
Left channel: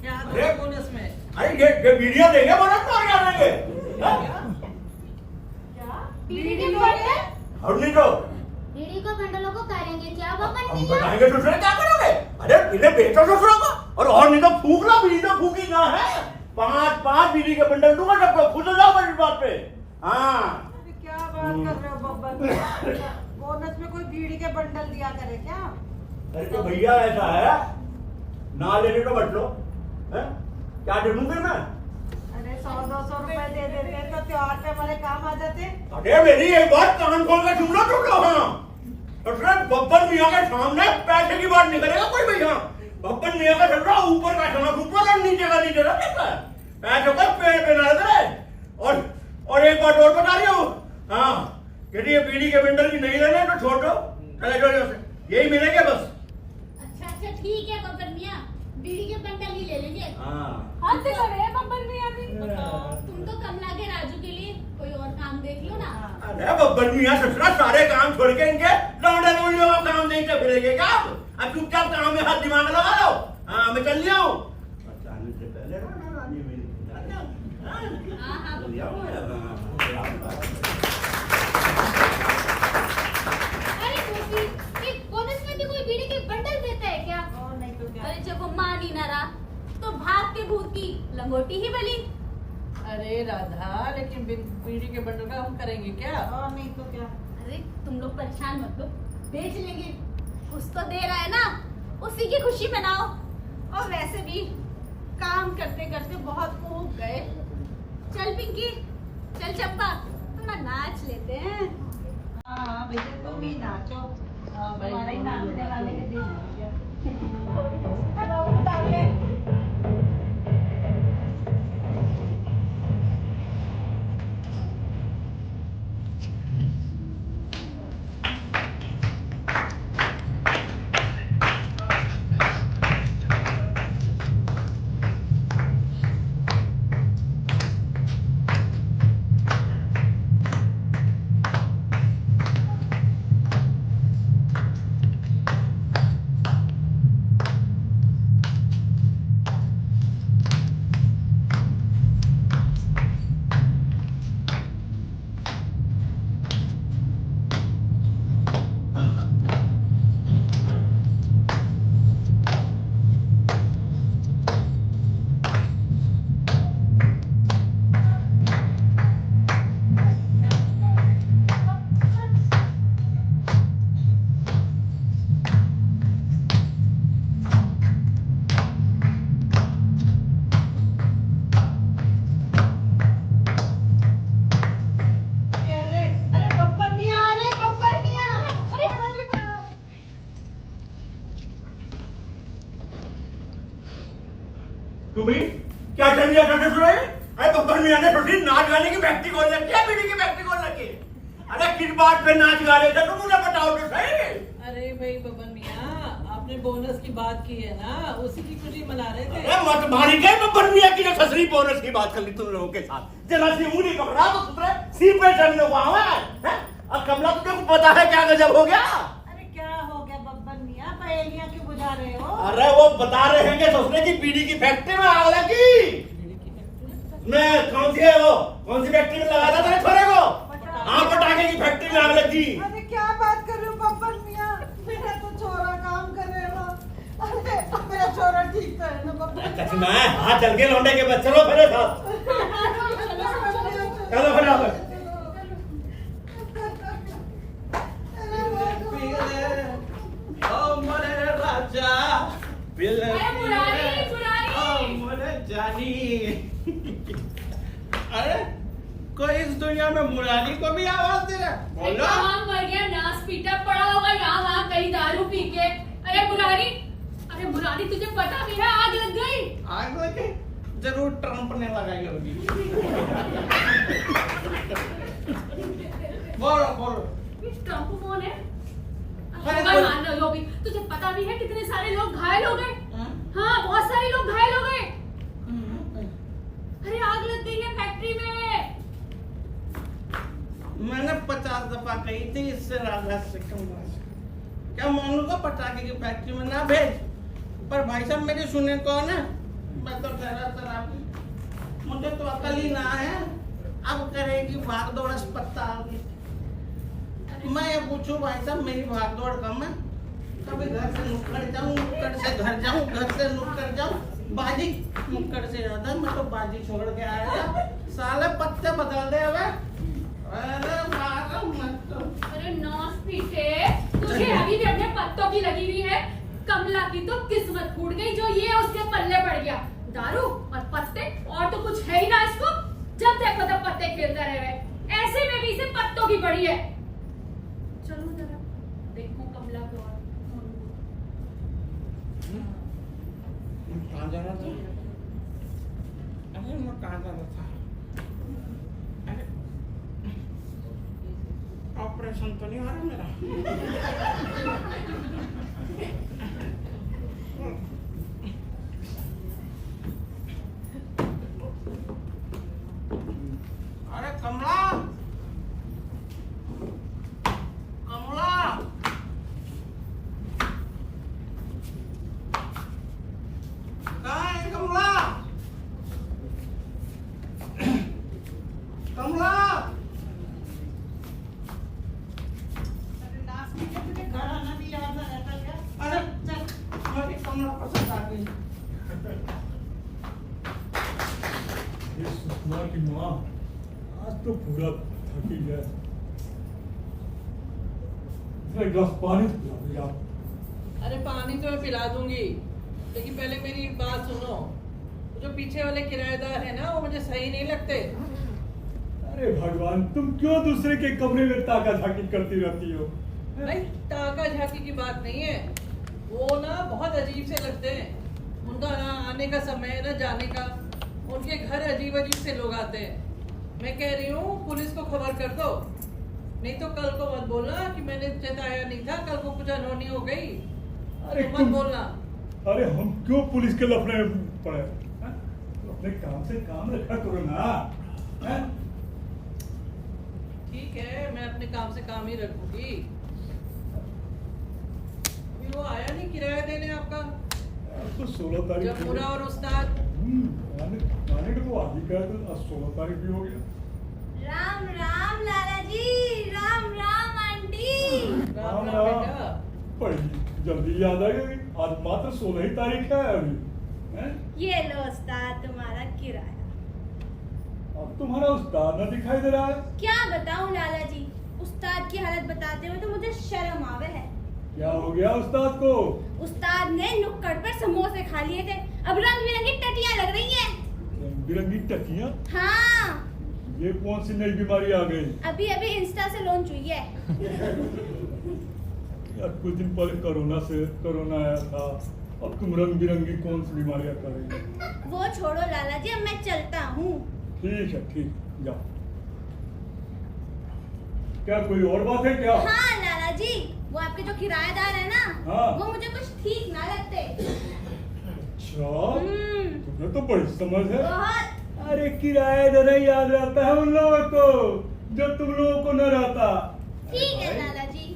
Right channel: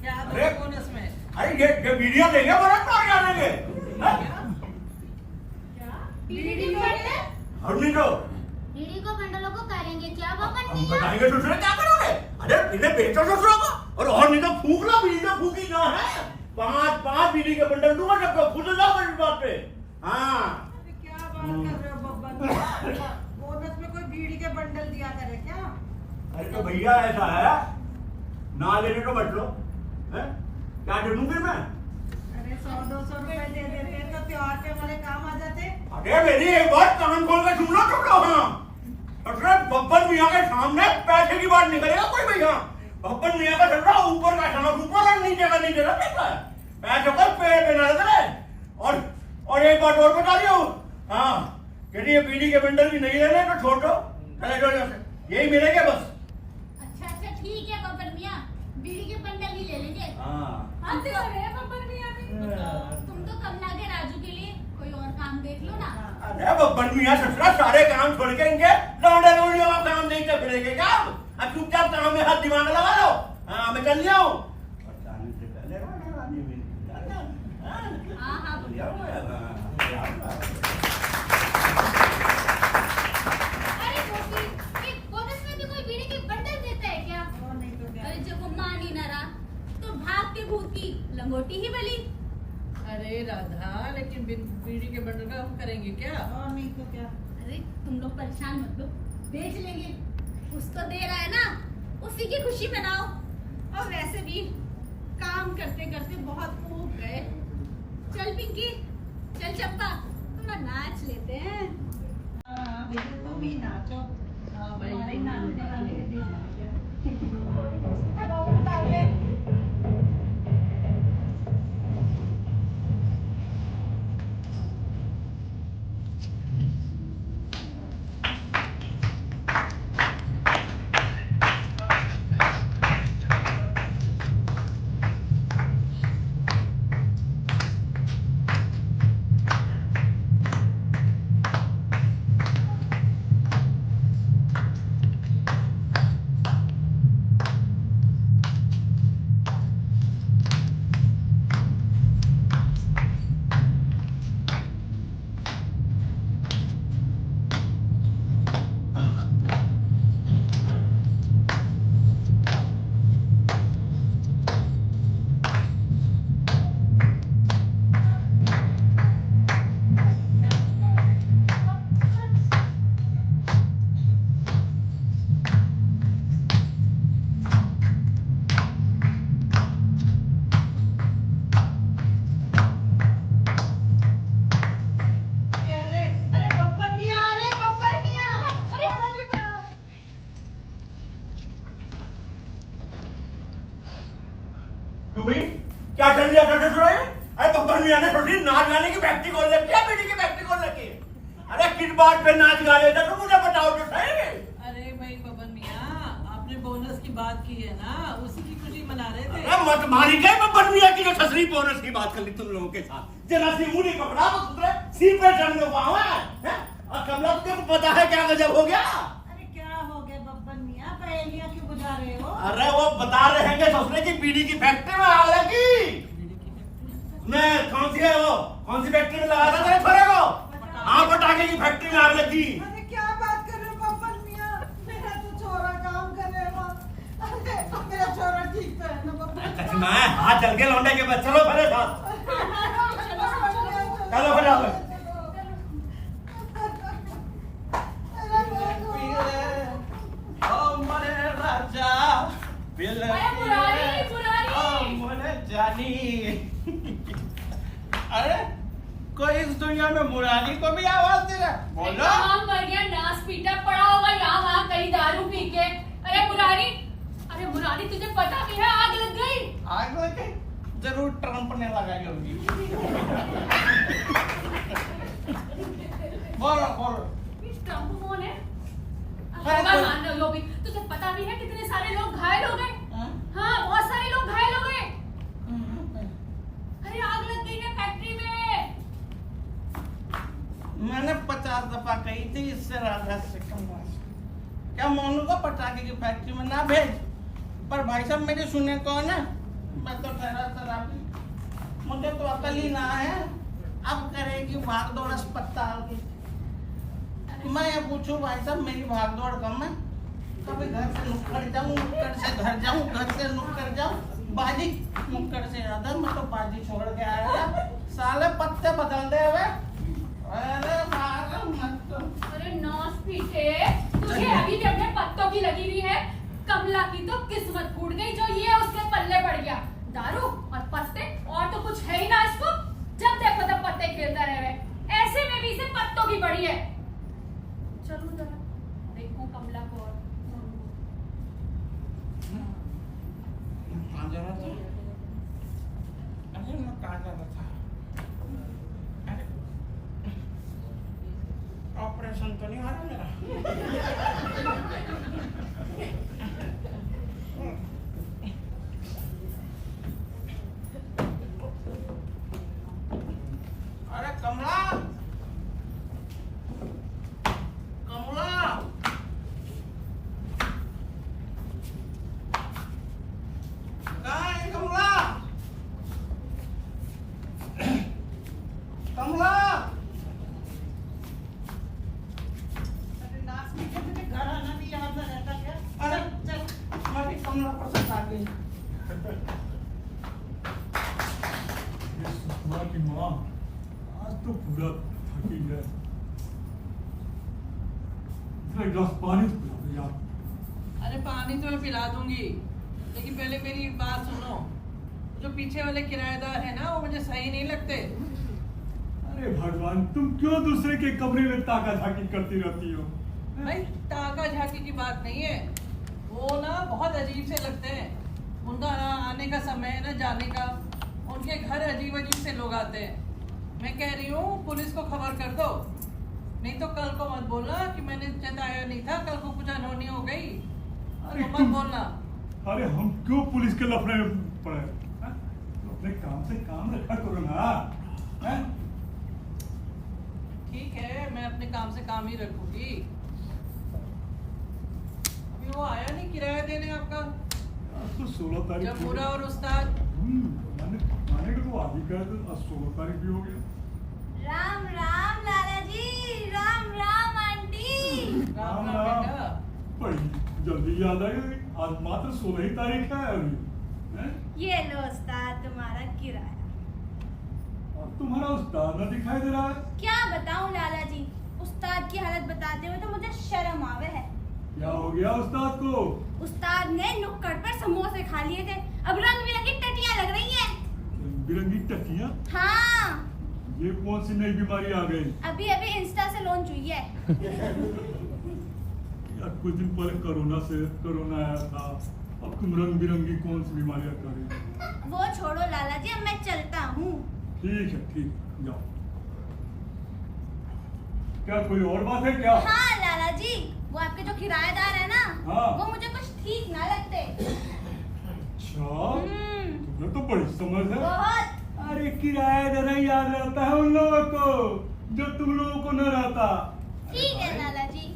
क्या दोगे बोनस में? अरे ये वीडियो देंगे बोनस तो क्या देंगे? बीड़ी के बंडल? और नहीं तो बीड़ी को बंडलों को करेंगे क्या बब्बन हम मियां? बताएंगे दूसरे क्या करोगे? अरे इन्हें बेचो दूसरों को, और नहीं तो फूक लो, बीड़ी तो फूकी ना है। 5 बीड़ी के बंडल दूंगा सबको, खुश हो जाओ मेरी बात पे। हाँ क्या बात कर रहे हो बब्बन मियां? बोनस में कोई बीड़ी के बंडल दिया करे क्या? अरे तो भैया ऐसा है, ना लेने तो बच लो, क्या दे दूं फिर मैं? अरे 100-200 रुपए दे देते तो त्योहार पे हमारे काम आ जाते। अरे मेरी एक बात कान खोल के सुन लो तुम लोग। हाँ बब्बन मियां के सामने पैसे की बात नहीं करेगा कोई भैया। बब्बन मियां का चल रहा ऊपर का खाना ऊपर और नीचे का नीचे रखता है, पैसों का पेड़ पे ना करे। और एक बात और बता रही हूँ, हाँ यदि ये बीड़ी के बंडल भी नहीं लेने तो छोड़ दो, चले जाओ यहाँ से, यही मिलेंगे बस। अच्छा ठीक है बब्बन मियां, बीड़ी के बंडल ही ले लेंगे। हाँ तो रहे बब्बन मियां भी। तुम तो कम लागे राजू के लिए कोई और काम देख लो ना। अरे बब्बन मियां ससुरा सारे काम छोड़ के इनके लौंडे लौंडियों का काम नहीं कर फिरेंगे क्या? अब चुपचाप काम में हाथ दिमाग लगा लो। हाँ मैं चल लिया हूँ। बताने से पहले रानी मेरी अरे गोपी, ये बोनस में भी कोई बीड़ी के बंडल देता है क्या? और नहीं तो क्या? अरे लंगोटी ही बली। अरे राधा, लेकिन बिन बीड़ी के बंडल का हम करेंगे क्या? और नहीं तो क्या। अरे तुम लोग परेशान मत लो, बेच लेंगे। कुछ तो दे रहा है ना, उसी की खुशी मनाओ। और वैसे भी काम करते करते बहुत ऊब गए। चल पिंकी, चल चंपा, थोड़ा नाच लेते हैं। हाँ बेटे, तुम भी नाचो। भाई नाचने वाले के दिन तुम्हें क्या कर लिया करते थे? अरे बब्बर मियां ने थोड़ी नाच गाने की फैक्ट्री खोल रखी है, बीड़ी की फैक्ट्री खोल रखी है। अरे किस बात पे नाच गा रहे थे तुम मुझे बताओ तो सही। अरे भाई बबन मियां, आपने बोनस की बात की है ना, उसी की खुशी मना रहे थे। अरे मत मारी गई बब्बर मियां की जो ससरी बोनस की बात कर ली तुम लोगों के साथ। जरा सी उंगली पकड़ा तो सुधरे, सी पे चढ़ने हुआ है। और कमला तुझे को पता है क्या गजब हो गया? अरे क्या हो गया बब्बर मियां, पहेलियां क्यों बुझा रहे हो? अरे वो बता रहे हैं कि ससुरे की बीड़ी की फैक्ट्री में आग लगी। मैं कौन सी है वो, कौन सी फैक्ट्री में लगा था तेरे छोरे को? हाँ, पटाखे की फैक्ट्री में आग लगी। अरे क्या बात कर रहे हो बब्बर मियां, मेरा तो छोरा काम कर रहे हो। अरे मेरा छोरा ठीक तो है ना बब्बर? कसम है, हाथ चल के लौंडे के बस चलो मेरे साथ, चलो फटाफट। अरे कोई इस दुनिया में मुरारी को भी आवाज दे रहा है? बोलो। काम कर गया, नाच पीटा पड़ा होगा यहाँ वहाँ कहीं दारू पी के। अरे मुरारी तुझे पता भी है आग लग गई। आग लगे? जरूर ट्रंप ने लगाई होगी। बोलो बोलो। ट्रंप कौन है? अरे होगा, मान लो भी। तुझे पता भी है कितने सारे लोग घायल हो गए? हाँ, बहुत सारे लोग घायल हो गए। अरे आग लग गई है फैक्ट्री में। मैंने 50 दफा कही थी इससे राधा से कम क्या मोनू को पटाखे की फैक्ट्री में ना भेज, पर भाई साहब मेरी सुने कौन है? मैं तो ठहरा शराबी, मुझे तो अकल ही ना है। अब करेगी भाग दौड़ अस्पताल की। मैं ये पूछूं भाई साहब, मेरी भाग दौड़ कम है? कभी घर से नुक्कड़ जाऊं, नुक्कड़ से घर जाऊं, घर से नुक्कड़ जाऊं, बाजी नुक्कड़ से ज्यादा मैं तो बाजी छोड़ के आया था। साले पत्ते बदल दे हमें। अरे नौस पीटे, तुझे अभी भी अपने पत्तों की लगी हुई है। कमला की तो किस्मत फूट गई जो ये उसके पल्ले पड़ गया। दारू और पत्ते, और तो कुछ है ही ना इसको। जब देखो तब पत्ते खेलता रहे, ऐसे में भी इसे पत्तों की पड़ी है। चलो जरा देखो कमला को। और कहाँ जा रहा था? अरे मैं कहाँ जा रहा था? अरे ऑपरेशन तो नहीं हो रहा मेरा? अरे कमला, कमला, कहाँ है कमला? कमला, अरे नाच के तुझे घर आना भी याद ना रहता क्या? अरे चल, मैं भी कमला पसंद आ गई। माँ, आज तो पूरा थकी है। जरा एक गिलास पानी तो पिला दो यार। अरे पानी तो मैं पिला दूंगी, लेकिन पहले मेरी बात सुनो। जो पीछे वाले किराएदार है ना, वो मुझे सही नहीं लगते। अरे भगवान, तुम क्यों दूसरे के कमरे में ताका झाकी करती रहती हो? भाई ताका झाकी की बात नहीं है, वो ना बहुत अजीब से लगते हैं। उनका ना आने का समय ना जाने का, उनके घर अजीब अजीब से लोग आते हैं। मैं कह रही हूँ पुलिस को खबर कर दो, नहीं तो कल को मत बोलना कि मैंने जताया नहीं था, कल को कुछ अनहोनी हो गई अरे तो मत तुम- बोलना। अरे हम क्यों पुलिस के लफड़े में पड़े? हैं? तो अपने काम से काम रखा करो ना। हैं? ठीक है, मैं अपने काम से काम ही रखूंगी। अभी वो आया नहीं किराया देने आपका? यार, तो 16 तारीख जब पूरा और उस्ताद माने को तो आज ही कहा था, आज 16 तारीख भी हो गया। राम राम लाला जी, राम राम आंटी। राम राम बेटा। बड़ी जल्दी याद आ गई, आज मात्र 16 ही तारीख है अभी। हैं? ये लो उस्ताद तुम्हारा किराया। अब तुम्हारा उस्ताद ना दिखाई दे रहा है। क्या बताऊं लाला जी, उस्ताद की हालत बताते हुए तो मुझे शर्म आवे है। क्या हो गया उस्ताद को? उस्ताद ने नुक्कड़ पर समोसे खा लिए थे, अब रंग बिरंगी टटियां लग रही हैं। रंग बिरंगी टकियां? हाँ, ये कौन सी नई बीमारी आ गई? अभी अभी इंस्टा से लॉन्च हुई है। यार कुछ दिन पहले कोरोना आया था, अब तुम रंग बिरंगी कौन सी बीमारियां कर रही हो? वो छोड़ो लाला जी, अब मैं चलता हूँ। ठीक है, ठीक, जाओ। क्या कोई और बात है क्या? हाँ लाला जी, वो आपके जो किराएदार है ना, हाँ। वो मुझे कुछ ठीक ना लगते। अच्छा, तुम्हें तो बड़ी समझ है। बहुत। अरे किराया देना याद रहता है उन लोगों को जो तुम लोगों को न रहता। ठीक है लाला जी।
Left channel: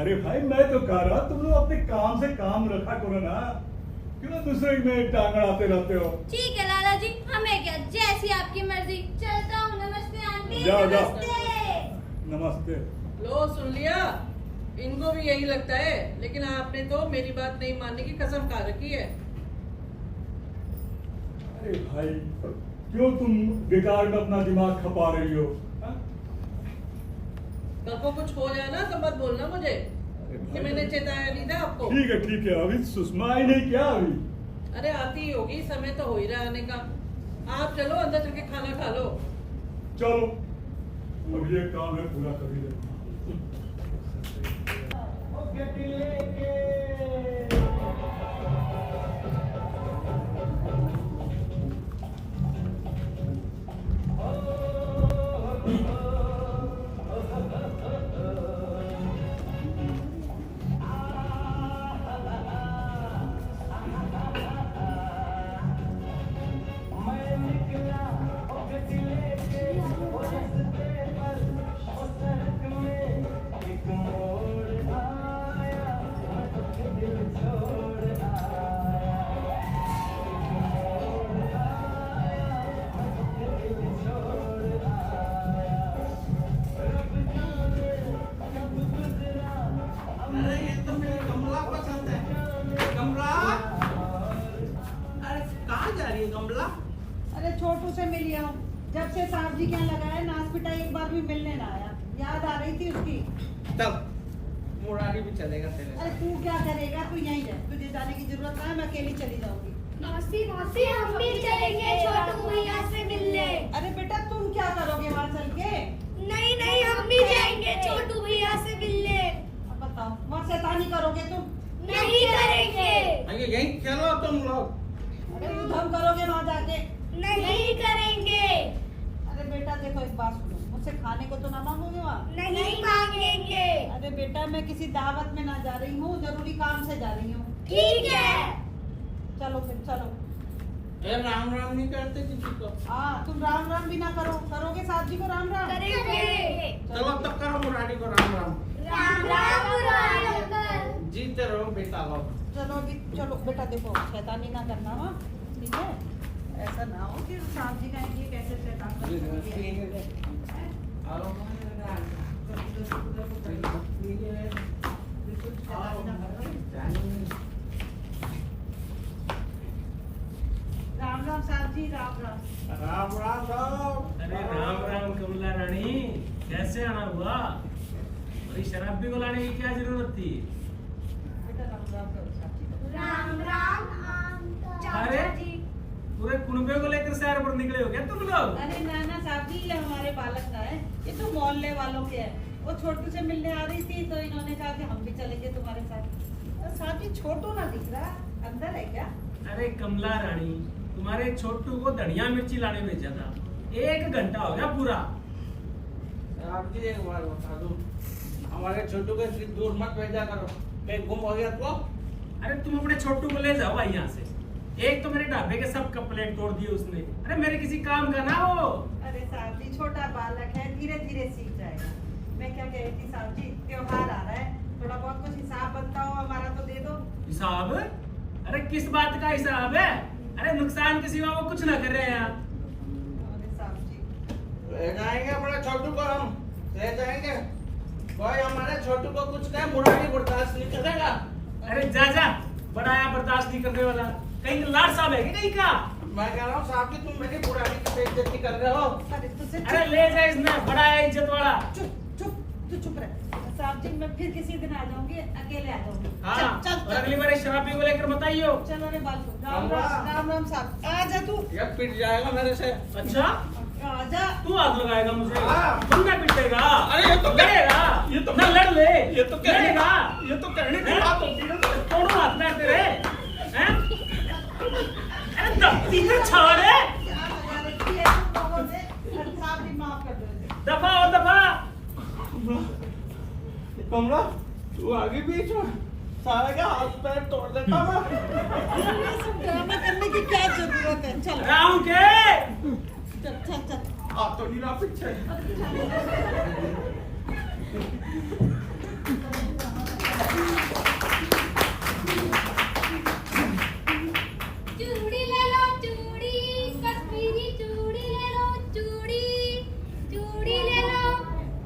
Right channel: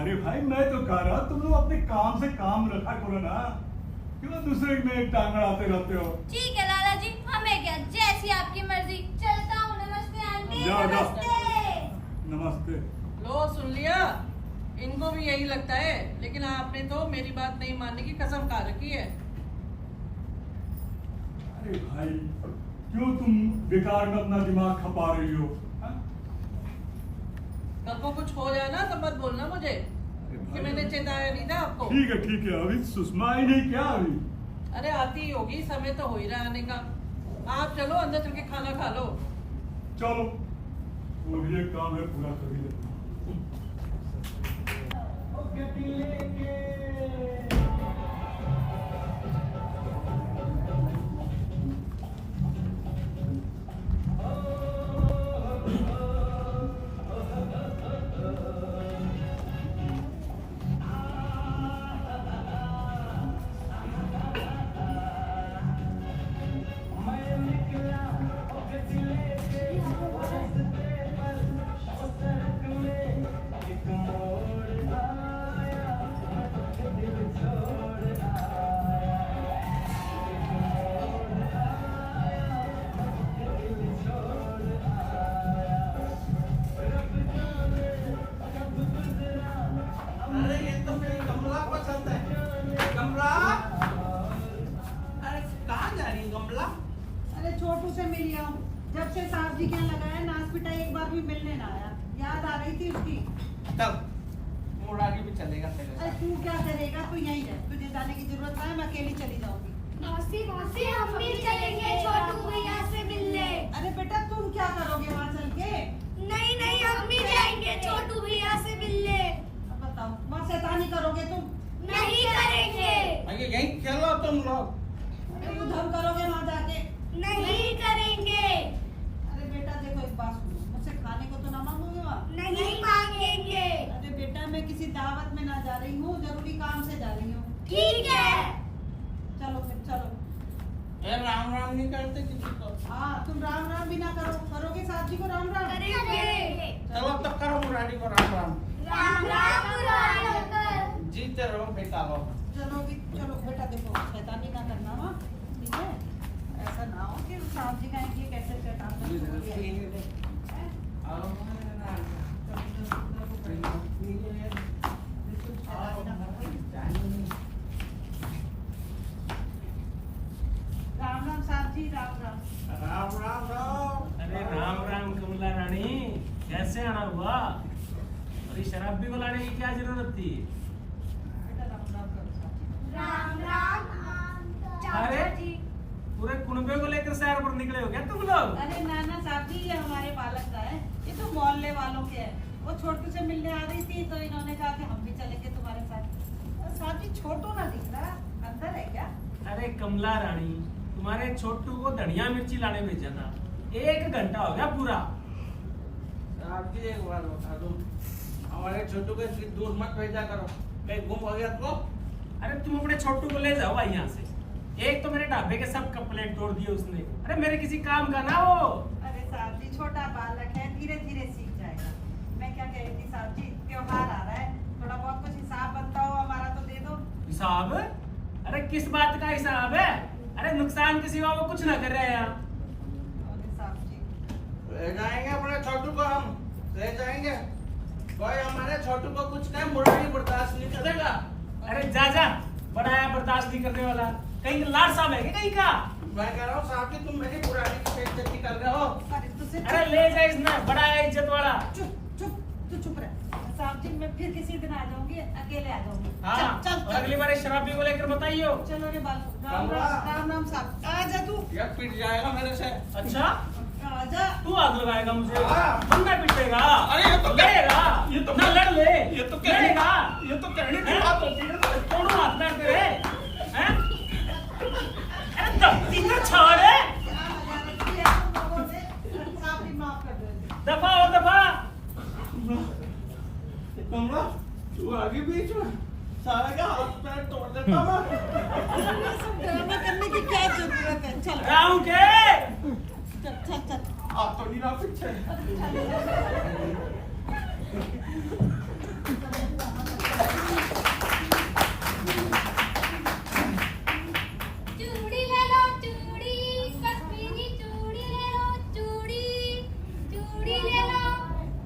अरे भाई, मैं तो कह रहा तुम लोग अपने काम से काम रखा करो ना, क्यों दूसरे में टांग अड़ाते रहते हो? ठीक है लाला जी, हमें क्या, जैसी आपकी मर्जी। चलता हूँ। नमस्ते आंटी। जाओ, जाओ। नमस्ते। नमस्ते। लो सुन लिया, इनको भी यही लगता है, लेकिन आपने तो मेरी बात नहीं मानने की कसम खा रखी है। अरे भाई, क्यों तुम बेकार में अपना दिमाग खपा रही हो? हाँ? कल को कुछ हो जाए ना तो मत बोलना मुझे कि मैंने चेताया नहीं था आपको। ठीक है, अभी सुषमा आई नहीं क्या अभी? अरे आती ही होगी, समय तो हो ही रहा आने का। आप चलो अंदर चल के खाना खा लो। चलो, मुझे एक काम है, पूरा कर ही लेना। अरे ये तो मेरी कमला पसंद है। कमला, अरे कहाँ जा रही है कमला? अरे छोटू से मिली हूँ, जब से साहब जी के यहाँ लगाया नाच पिटाई एक बार भी मिलने ना आया। याद आ रही थी उसकी। चल, मुरारी भी चलेगा तेरे अरे साथ। तू क्या करेगा, तू यहीं रह, तुझे जाने की जरूरत ना है, मैं अकेली चली जाऊंगी। मौसी मौसी हम भी चलेंगे छोटू भैया से मिलने। अरे बेटा तुम क्या करोगे वहाँ चल के? नहीं नहीं हम भी जाएंगे छोटू भैया से मिलने। अब बताओ, वहाँ शैतानी करोगे तुम? नहीं करेंगे। अरे यहीं चलो तुम लोग। अरे उधम करोगे वहाँ जाके? नहीं करेंगे। अरे बेटा देखो, एक बात सुनो, मुझसे खाने को तो ना मांगोगे वहाँ? नहीं मांगेंगे। अरे बेटा, मैं किसी दावत में ना जा रही हूँ, जरूरी काम से जा रही हूँ। ठीक है। चलो फिर चलो। ये राम राम नहीं करते किसी को। हाँ, तुम राम राम भी ना करो, करोगे साहब जी को राम राम? करेंगे। चलो तब करो मुरारी को राम राम। राम राम मुरारी अंकल। जीते रहो बेटा लोग। चलो भी, चलो बेटा देखो, शैतानी ना करना, हाँ ठीक है? ऐसा ना हो कि साहब जी कहेंगे कैसे शैतान करते हैं। राम राम साहब जी, राम राम। राम राम राम। वाह, अरे शराब भी बुलाने की क्या जरूरत थी? बेटा राम राम करो साहब। राम राम अरे पूरे कुनबे को लेकर शहर पर निकले हो क्या तुम लोग? अरे नाना साहब जी, ये हमारे बालक का है, ये तो मोहल्ले वालों के है। वो छोटू से मिलने आ रही थी तो इन्होंने कहा कि हम भी चलेंगे तुम्हारे साथ। और साहब जी छोटू ना दिख रहा, अंदर है क्या? अरे कमला रानी, तुम्हारे छोटू को धनिया मिर्ची लाने भेजा था, 1 घंटा हो गया पूरा। आपकी एक बात बता दूं, हमारे छोटू को इतनी दूर मत भेजा करो, कहीं गुम हो गया तो। अरे तुम अपने छोटू को ले जाओ भाई यहाँ से। एक तो मेरे ढाबे के सब कपड़े तोड़ दिए उसने। अरे मेरे किसी काम का ना वो। अरे साहब जी छोटा बालक है, धीरे धीरे सीख जाएगा। मैं क्या कह रही थी साहब जी, त्योहार आ रहा है, थोड़ा बहुत कुछ हिसाब बनता हो हमारा तो दे दो। हिसाब? अरे किस बात का हिसाब है? अरे नुकसान के सिवा वो कुछ ना कर रहे हैं यहाँ। अरे साहब जी ले जाएंगे अपने छोटू को, हम ले जाएंगे। कोई हमारे छोटू को कुछ नहीं, बुराई बर्दाश्त नहीं करेगा। अरे जा जा, बड़ाया बर्दाश्त नहीं करने वाला। कहीं लाड साहब है क्या कहीं का? मैं कह रहा हूँ साहब जी, तुम मेरी बुराई की बेइज्जती कर रहे हो। अरे तुझसे अरे ले जा इसमें, बड़ाया इज्जत वाला। चुप चुप, तू चुप रह। साहब जी मैं फिर किसी दिन आ जाऊंगी, अकेले आ जाऊंगी। हाँ, चल और चल अगली बार इस शराबी को लेकर बताइयो। चलो रे बालको, राम राम। राम राम साहब, आ जा तू, ये पिट जाएगा मेरे से। अच्छा, आ जा। तू हाथ लगाएगा मुझे? हाँ। बंदा पिटेगा? अरे ये तो लड़ेगा? ये तो ना लड़ ले। ये तो कहने लड़ेगा? ये तो कहने की बात होती है। तोड़ो हाथ में तेरे, हैं? अरे दफ्ती से छाड़ है। साहब जी माफ कर दो। दफा और दफा। कमला, तू आगे बीच में सारा का हाथ पैर तोड़ देता मैं। ये सब ड्रामा करने की क्या जरूरत है? चल राहु के चल चल चल। आप तो नहीं रहा पीछे। चूड़ी ले लो चूड़ी, कश्मीरी चूड़ी ले लो चूड़ी, चूड़ी ले लो।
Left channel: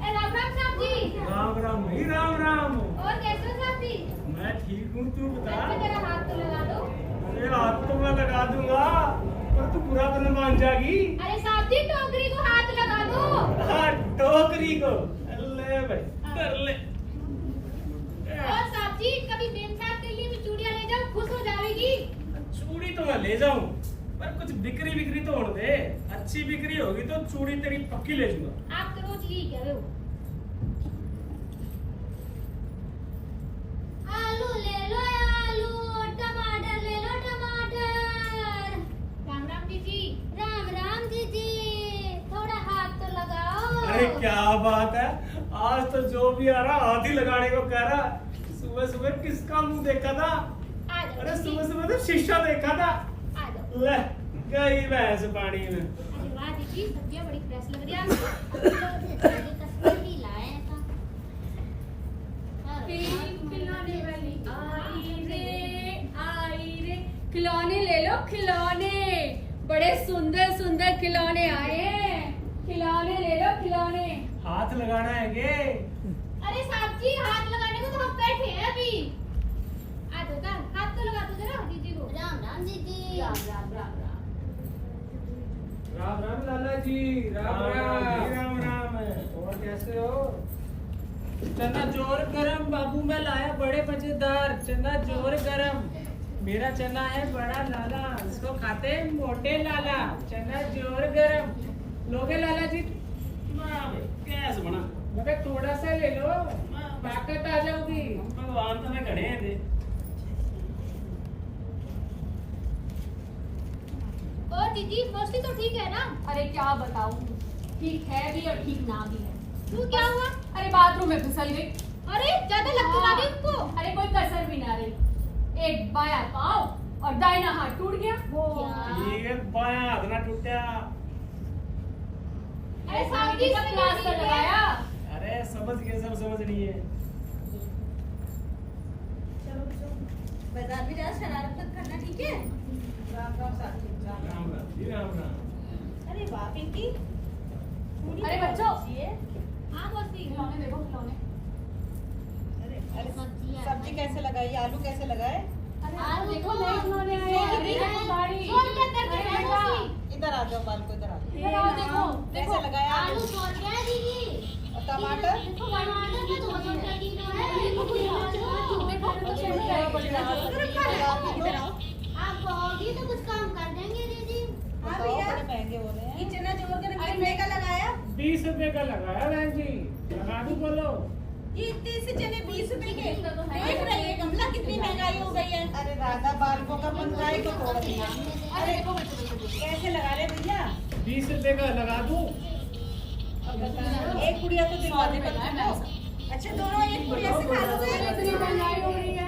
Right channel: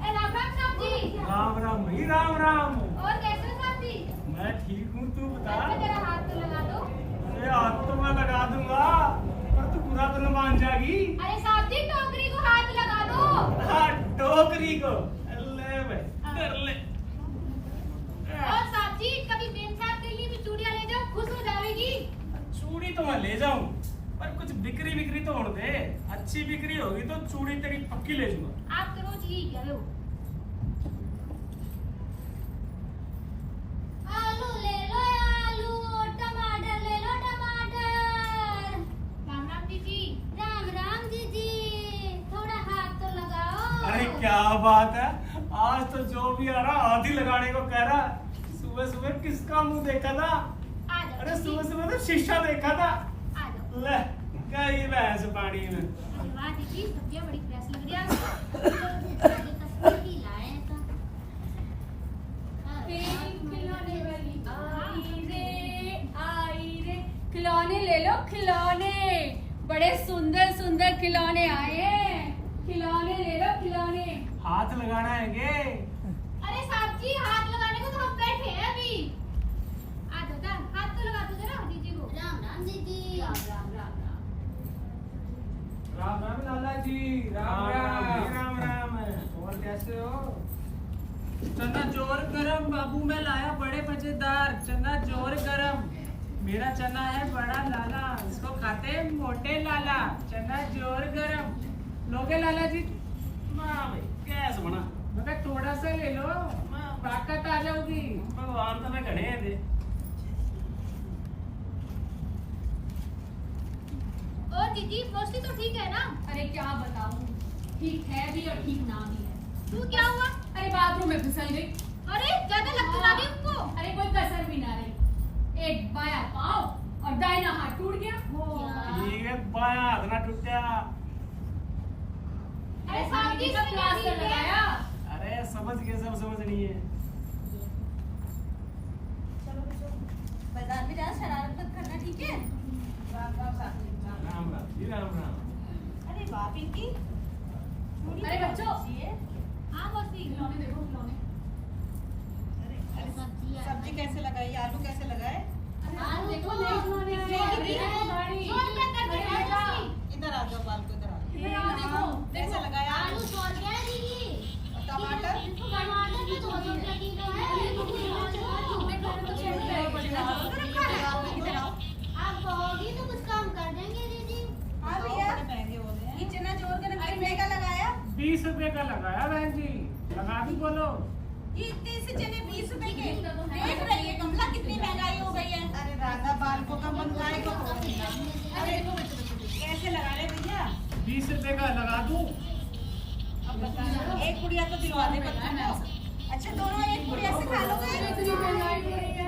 राम राम साहब जी। राम राम भाई, राम राम। और कैसे हो साहब जी? मैं ठीक हूँ, तू बता। अच्छा मेरा हाथ तो लगा दो। अरे हाथ तो मैं लगा दूंगा, पर तू बुरा तो न मान जाएगी। अरे साहब जी टोकरी को हाथ लगा दो। हाँ, टोकरी को ले भाई, कर ले। और साहब जी कभी बेन साहब के लिए भी चूड़ियां ले जाओ, खुश हो जाएगी। चूड़ी तो मैं ले जाऊं, पर कुछ बिक्री तो होने दे। अच्छी बिक्री होगी तो चूड़ी तेरी पक्की ले जाऊंगा। आप तो रोज यही कह रहे हो। आलू ले लो आलू, टमाटर ले लो टमाटर। राम राम दीदी। राम राम दीदी, थोड़ा हाथ तो लगाओ। अरे क्या बात है, आज तो जो भी आ रहा हाथ ही लगाने को कह रहा। सुबह सुबह किसका मुंह देखा था? आ जाओ अरे दीदी। सुबह सुबह तो शीशा देखा था। आ जाओ। ले गई भैंस पानी में। अरे वाह दीदी, सब्जियां बड़ी फ्रेश लग रही है आपको। कश्मीरी लाए तो। खिलौने वाली आई रे, खिलौने ले लो खिलौने, बड़े सुंदर सुंदर खिलौने आए हैं। खिलौने ले लो खिलौने। हाथ लगाना है के? अरे साहब जी हाथ लगाने को तो हम बैठे हैं अभी। आ जाओ जरा, हाथ तो लगा दो जरा दीदी को। राम राम दीदी। राम राम राम राम। राम राम लाला जी। राम जी, राम। राम राम। और कैसे हो? चना जोर गरम बाबू मैं लाया, बड़े मजेदार चना जोर गरम। मेरा चना है बड़ा लाला, इसको खाते हैं मोटे लाला। चना जोर गरम लोगे लाला जी? वाह भाई, कैसे बना? मगर थोड़ा सा ले लो, ताकत आ जाओगी। भगवान तुम्हें घड़े हैं दे। और दीदी मौसी तो ठीक है ना? अरे क्या बताऊं, ठीक है भी और ठीक ना भी है। तू क्या हुआ? अरे बाथरूम में फिसल गई। अरे ज्यादा लग तो ना गई उनको? अरे कोई कसर भी ना रही। एक बायां पाँव और दाहिना हाथ टूट गया। ये बायां हाथ ना टूटा। अरे साहब जी सब प्लास्टर लगाया। अरे समझ गए, सब समझ नहीं है। मैदान में जा, शरारत मत करना, ठीक है? राम राम साहब जी, राम राम। राम राम जी, राम राम। अरे वाह पिंकी, अरे बच्चों। ये हाँ मौसी खिलौने देखो खिलौने। अरे अरे सब्जी सब्जी कैसे लगाई, आलू कैसे लगाए? आलू देखो नए खिलौने आए हैं। अरे देखो गाड़ी। कौन क्या करते हैं अरे बेटा, मौसी? इधर आ जाओ बाल को, इधर आ जाओ। इधर आओ देखो। कैसे लगाया आलू 100 रुपया है दीदी। टमाटर टमाटर भी 200 रुपए किलो है। आप कहोगी तो कुछ कम कर देंगे दीदी। हाँ भैया, महंगे हो रहे हैं। ये चना जोड़ कर 20 रुपए का लगाया। 20 रुपए का लगाया बहन जी, लगा दी बोलो। ये इतने से चने 20 रुपए के देख रही है कमला कितनी महंगाई हो गई है। अरे राधा बालकों का महंगाई को तोड़ दिया। अरे कैसे लगा रहे भैया? 20 रुपए का लगा दूं? एक गुड़िया तो दिलवाने पर था। अच्छा दोनों एक पुड़िया से खा लोगे?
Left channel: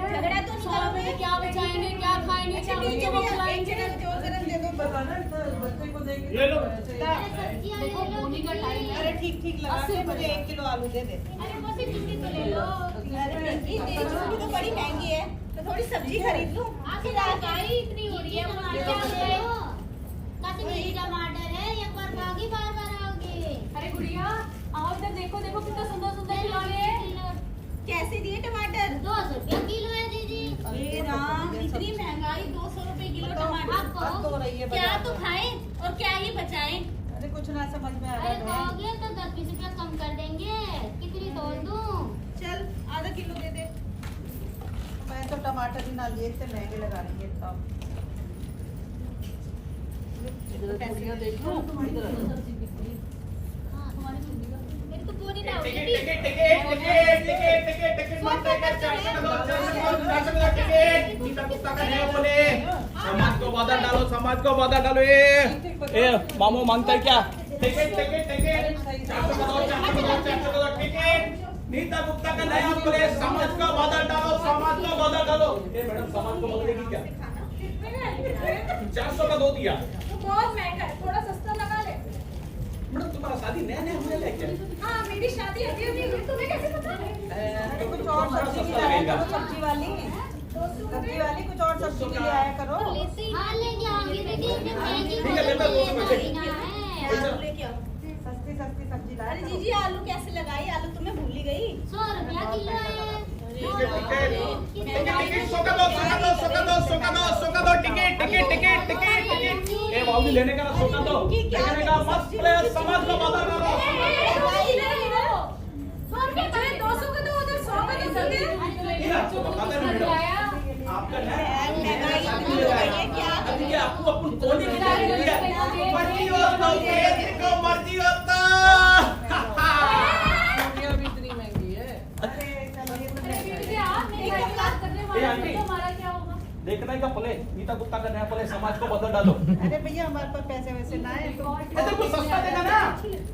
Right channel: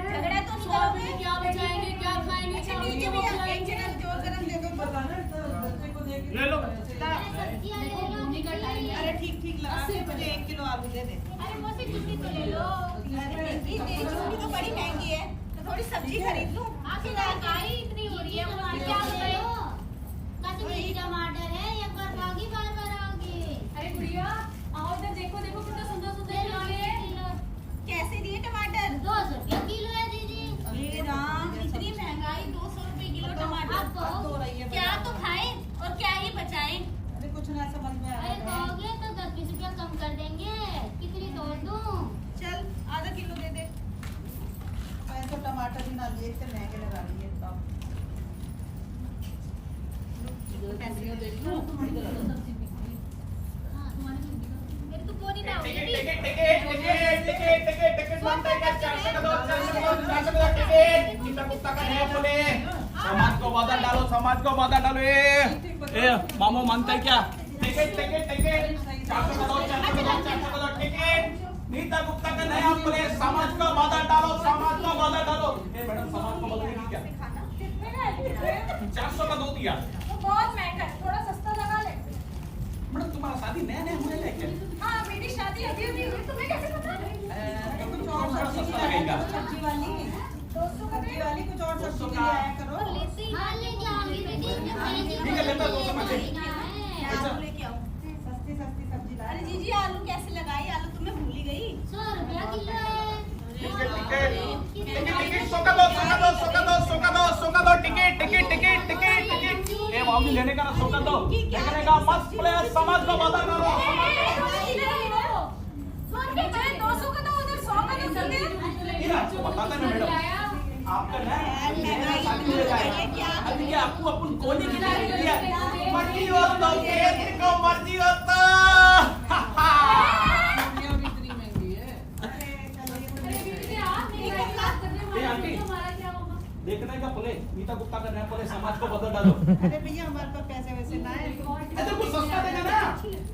झगड़ा तो नहीं करोगे? क्या बचाएंगे, क्या खाएंगे, अच्छा ठीक है भैया, एक चना जोड़ कर हम दे दो। बताना बच्चे को देंगे। ले लो। देखो बोनी का टाइम है। अरे ठीक ठीक लगा के मुझे 1 किलो आलू दे दे। अरे वो सिर्फ किसी तो ले लो। अरे ये जो भी तो बड़ी महंगी है, तो थोड़ी सब्जी खरीद लूं। आखिर महंगाई इतनी हो रही है, क्या बताएं? कश्मीरी टमाटर है या परवागी बार-बार आओगे? अरे गुड़िया आओ इधर देखो, देखो कितना सुंदर सुंदर खिलौने हैं। कैसे दिए टमाटर? 200 रुपए किलो है दीदी। हे राम, इतनी महंगाई, 200 रुपए किलो टमाटर। आप अब तो रही है क्या बाजार तो में। खाएं और क्या ही बचाएं? अरे कुछ ना समझ में आ अरे रहा है। कहोगे तो 10-20 रुपए कम कर देंगे। कितनी तोड़ दूं? चल आधा किलो दे दे। मैं तो टमाटर ही ना लिए, इतने महंगे लगा रही है तो। गुड़िया देख लो। मेरी तो बोनी ना होगी। Ticket ticket ticket ticket ticket ticket बनते हैं 400 का 400 का टिकट नीता कुत्ता का नहीं बोले समाज को बदल डालो, समाज को बदल डालो। ए मामू मांगता है क्या? टिकट टिकट टिकट 400 का 400 का टिकट नीता कुत्ता का नहीं बोले समाज को बदल डालो, समाज को बदल डालो। ए मैडम समाज को बदलेगी क्या? 400 का दो दिया। तो बहुत महंगा है, थोड़ा सस्ता लगा ले। मैडम तुम्हारा शादी नया नया हुआ है क्या? हाँ मेरी शादी अभी अभी हुई, तुम्हें कैसे पता? अरे कुछ और सब्जी भी लाया करो, सब्जी वाली कुछ और सब्जी भी लाया करो। हाँ लेके आओगी दीदी। ठीक है, लेना 200 में से। आलू लेके आओ। सस्ती सस्ती सब्जी लाया अरे करो। जीजी आलू कैसे लगाई? आलू तुम्हें भूल ही गई। 100 रुपया किलो है। टिकट टिकट 100 का दो, 100 का दो, 100 का दो, 100 का दो, 100 का दो ticket ticket ticket ticket ticket. ए बाबू लेने का ना 100 का दो, लेने का मस्त प्लेयर समाज को बदल डालो। 200 का तो उधर 100 का तो ये आपको बताते हैं मैडम, आपका ना महंगाई इतनी हो गई है क्या? अभी ये आपको अपन कोने की जाने दिया मर्जी हो तो जिनको मर्जी हो तो। गुड़िया भी इतनी महंगी है। ए आंटी देखना ही का प्ले नीता कुत्ता का नया प्ले समाज को बदल डालो। अरे भैया हमारे पास पैसे वैसे ना है तो। अरे कुछ सस्ता देना ना।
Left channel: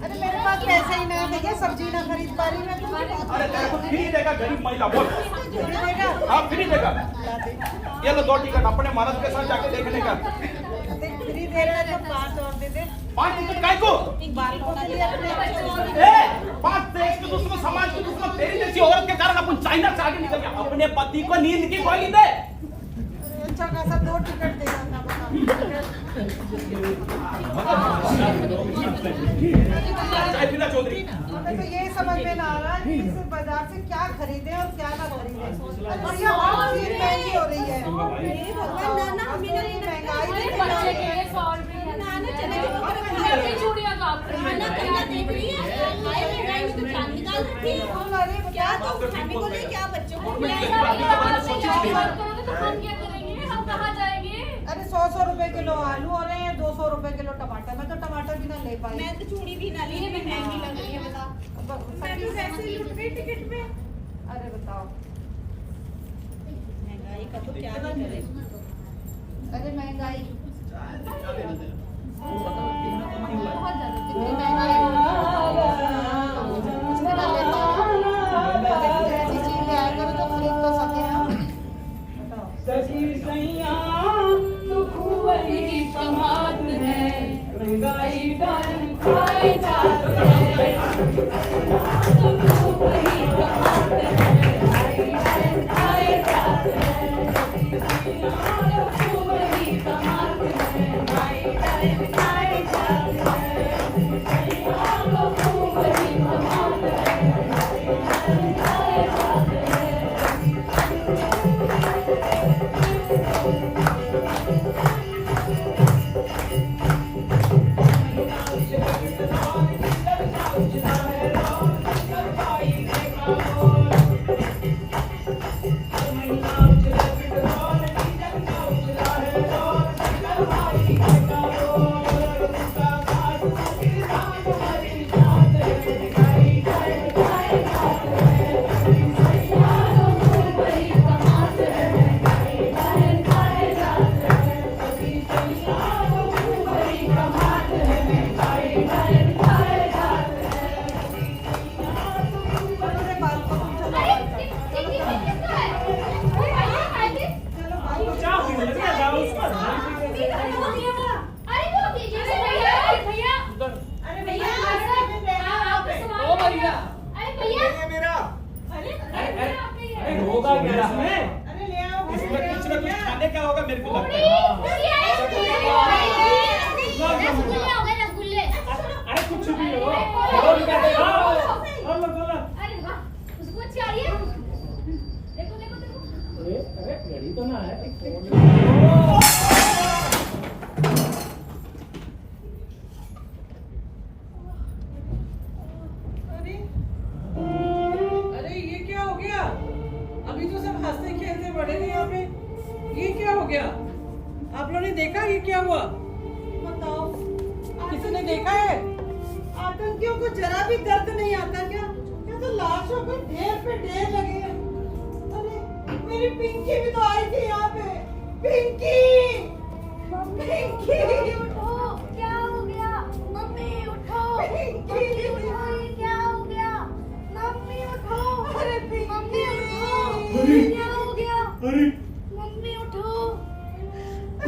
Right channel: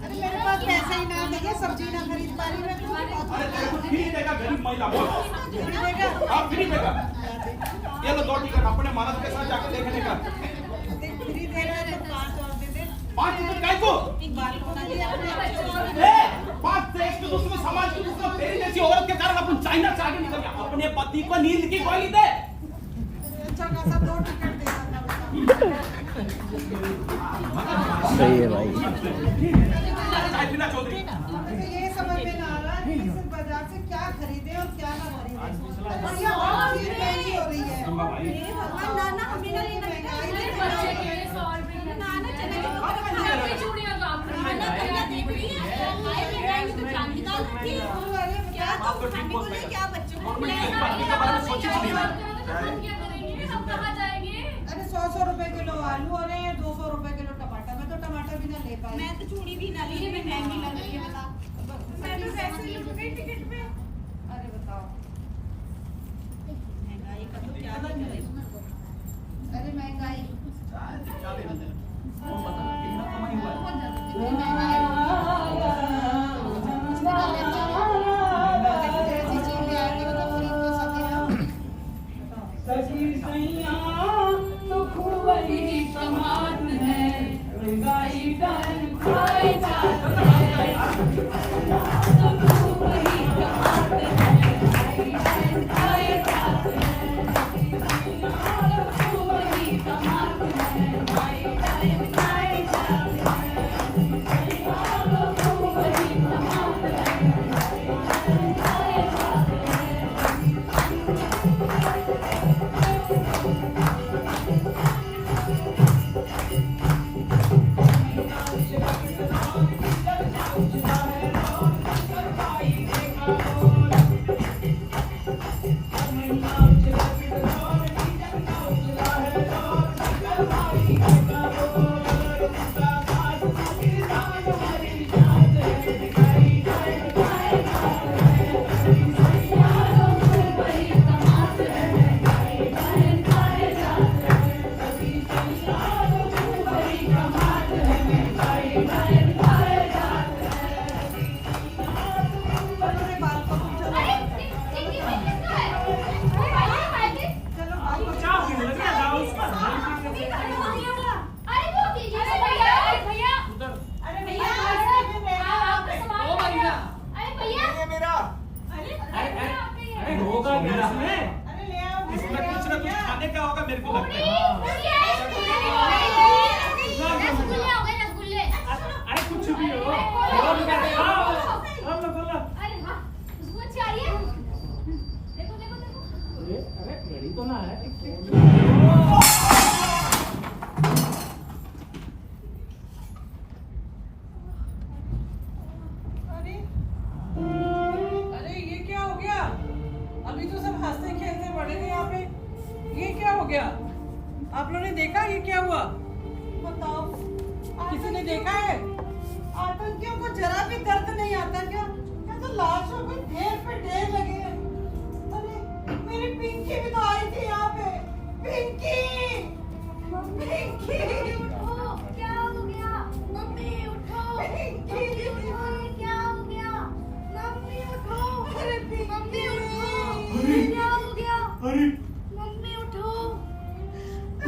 अरे मेरे पास पैसे ही ना है भैया, सब्जी ना खरीद पा रही मैं तो। अरे तेरे को फ्री देगा गरीब महिला बोल। फ्री देगा? हाँ फ्री देगा। ये लो 2 टिकट अपने महाराज के साथ जाके देखने का। फ्री दे रहा है तो 5 और दे दे। 5 टिकट काय को? बालकों के लिए अपने ए 5 देश के दुश्मन समाज के दुश्मन तेरी जैसी औरत के कारण अपन चाइना से आगे निकल गया। अपने पति को नींद की गोली दे। अच्छा खासा 2 टिकट देगा था बता। साइफिना चौधरी हमें तो ये समझ में ना आ रहा है कि इस बाजार से क्या खरीदे और क्या ना खरीदे। और ये और चीज महंगी हो रही है। भगवान नाना हमें ना ये महंगाई अरे देखो। बच्चे के लिए 100 रुपए नाना चने की दुकान मैं अपनी चूड़ियां काम कर रही नाना कन्या देख रही है। भाई महंगाई में तो जान निकाल रही है। अरे क्या बता तुम खाने को ले क्या बच्चों को गरीब खिलाएगा? आदमी के बारे में सोची थी नहीं। तो हम क्या करेंगे, हम कहाँ जाएंगे? अरे 100 रुपए किलो आलू हो रहे हैं, 200 रुपए किलो टमाटर। मैं तो टमाटर भी ना ले पाई। मैं तो चूड़ी भी ना ली, हमें महंगी लग रही है बता। मैं तो वैसे ही लुट गई टिकट में। अरे बताओ, महंगाई का तो क्या ही करे। अरे महंगाई ऐसी चीज ले आया करो तो खरीद तो सके ना। Bye. अरे बाल को तुम चलो अरे किसका है? चलो बाल को चाप पीने लगे जाओ उसका अरे वो कीजिए भैया, अरे भैया, उधर अरे भैया, भैया आपका सामान ओ भैया। अरे भैया, मेरा अरे होगा क्या इसमें? अरे ले आओ इसमें कुछ ना कुछ खाने का होगा मेरे को लगता है। रसगुल्ले हो गए रसगुल्ले। अरे कुछ भी हो बोलो बोलो। अरे वाह, उसको अच्छी आ रही है। देखो देखो देखो। अरे घड़ी तो ना है। अरे अरे ये क्या हो गया? अभी तो सब हंसते खेलते बड़े थे यहाँ पे, ये क्या हो गया? आप लोगों ने देखा ये क्या हुआ? बताओ किसी ने देखा है? आतंकियों को जरा भी दर्द नहीं आता क्या? क्या तो लाशों पे ढेर लगे हैं। अरे मेरी पिंकी भी तो आई थी यहाँ पे। पिंकी पिंकी उठो, क्या हो गया? मम्मी उठो। पिंकी क्या हो गया? मम्मी उठो। अरे मम्मी उठो। अरे क्या हो गया? अरे मम्मी उठो।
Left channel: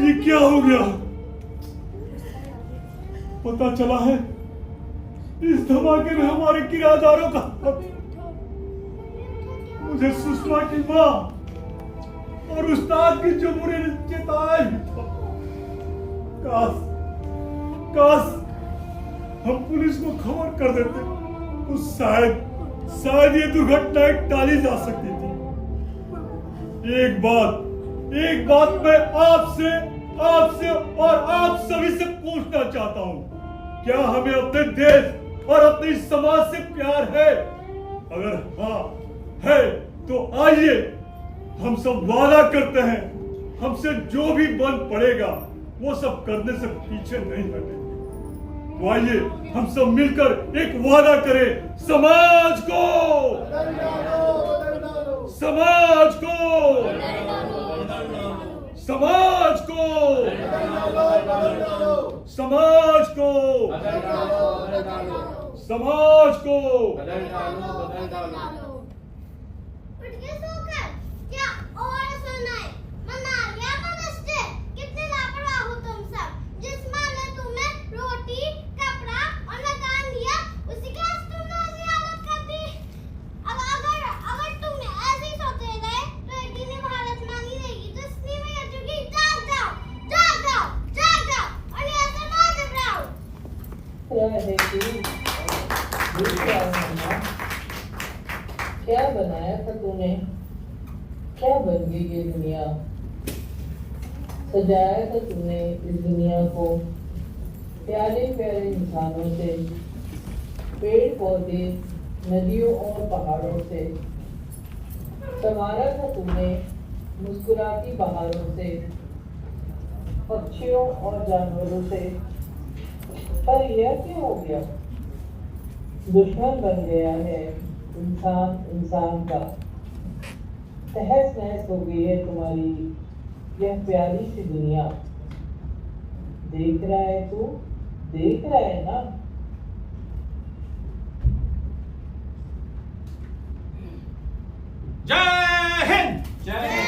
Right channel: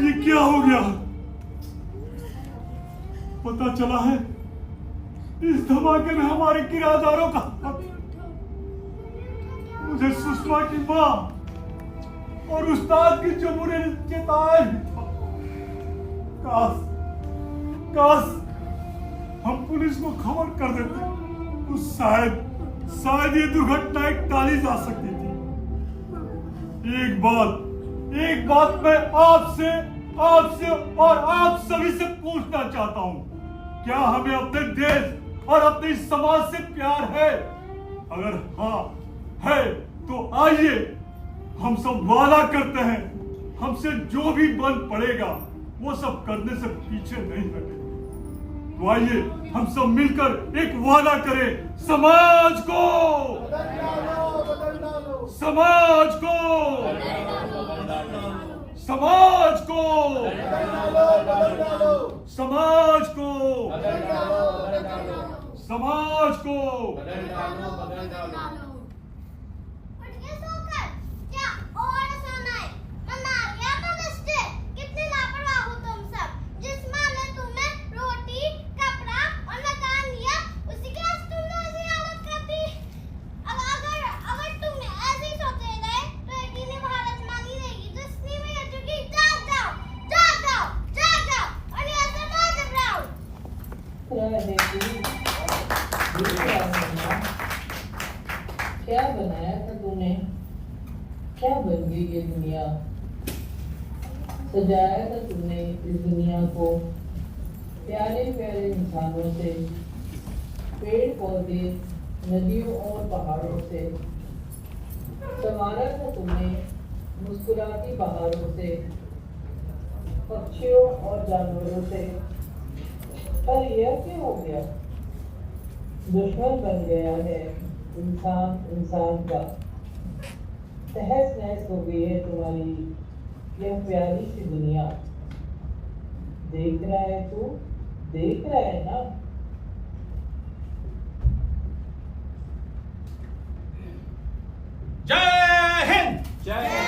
ये क्या हो गया? पता चला है इस धमाके में हमारे किराएदारों का मुझे सुषमा की माँ और उस्ताद की जो बुरे चेताए। काश काश हम पुलिस को खबर कर देते तो शायद ये दुर्घटना टाली जा सकती थी। एक बात मैं आपसे और आप सभी से पूछना चाहता हूँ, क्या हमें अपने देश और अपने समाज से प्यार है? अगर हाँ है तो आइए हम सब वादा करते हैं, हमसे जो भी बन पड़ेगा वो सब करने से पीछे नहीं हटेंगे। तो आइए हम सब मिलकर एक वादा करें, समाज को समाज को समाज को समाज को समाज को उठ के सोकर क्या और सुना है? मना गया मदर्स डे। कितने लापरवाह हो तुम सब। जिस माँ ने तुम्हें रोटी, कपड़ा और मकान दिया, उसी के आज तुमने ऐसी हालत कर दी। अगर तुम ऐसे ही सोते रहे तो एक दिन भारत माँ नहीं रहेगी। तो इसलिए मैं कहती हूँ कि जाग जाओ और यहाँ से मत घबराओ। क्या बनाया था तूने? क्या बन गई ये दुनिया? सजाया था तूने इस दुनिया को प्यारे प्यारे इंसानों से, पेड़ पौधे, नदियों और पहाड़ों से। संवारा था तूने मुस्कुराती बहारों से, पक्षियों और जानवरों से। पर यह क्या हो गया? दुश्मन बन गया है इंसान का। तहस नहस हो गई है तुम्हारी यह प्यारी सी दुनिया। देख रहा है तू? देख रहा है ना? जय हिंद। जय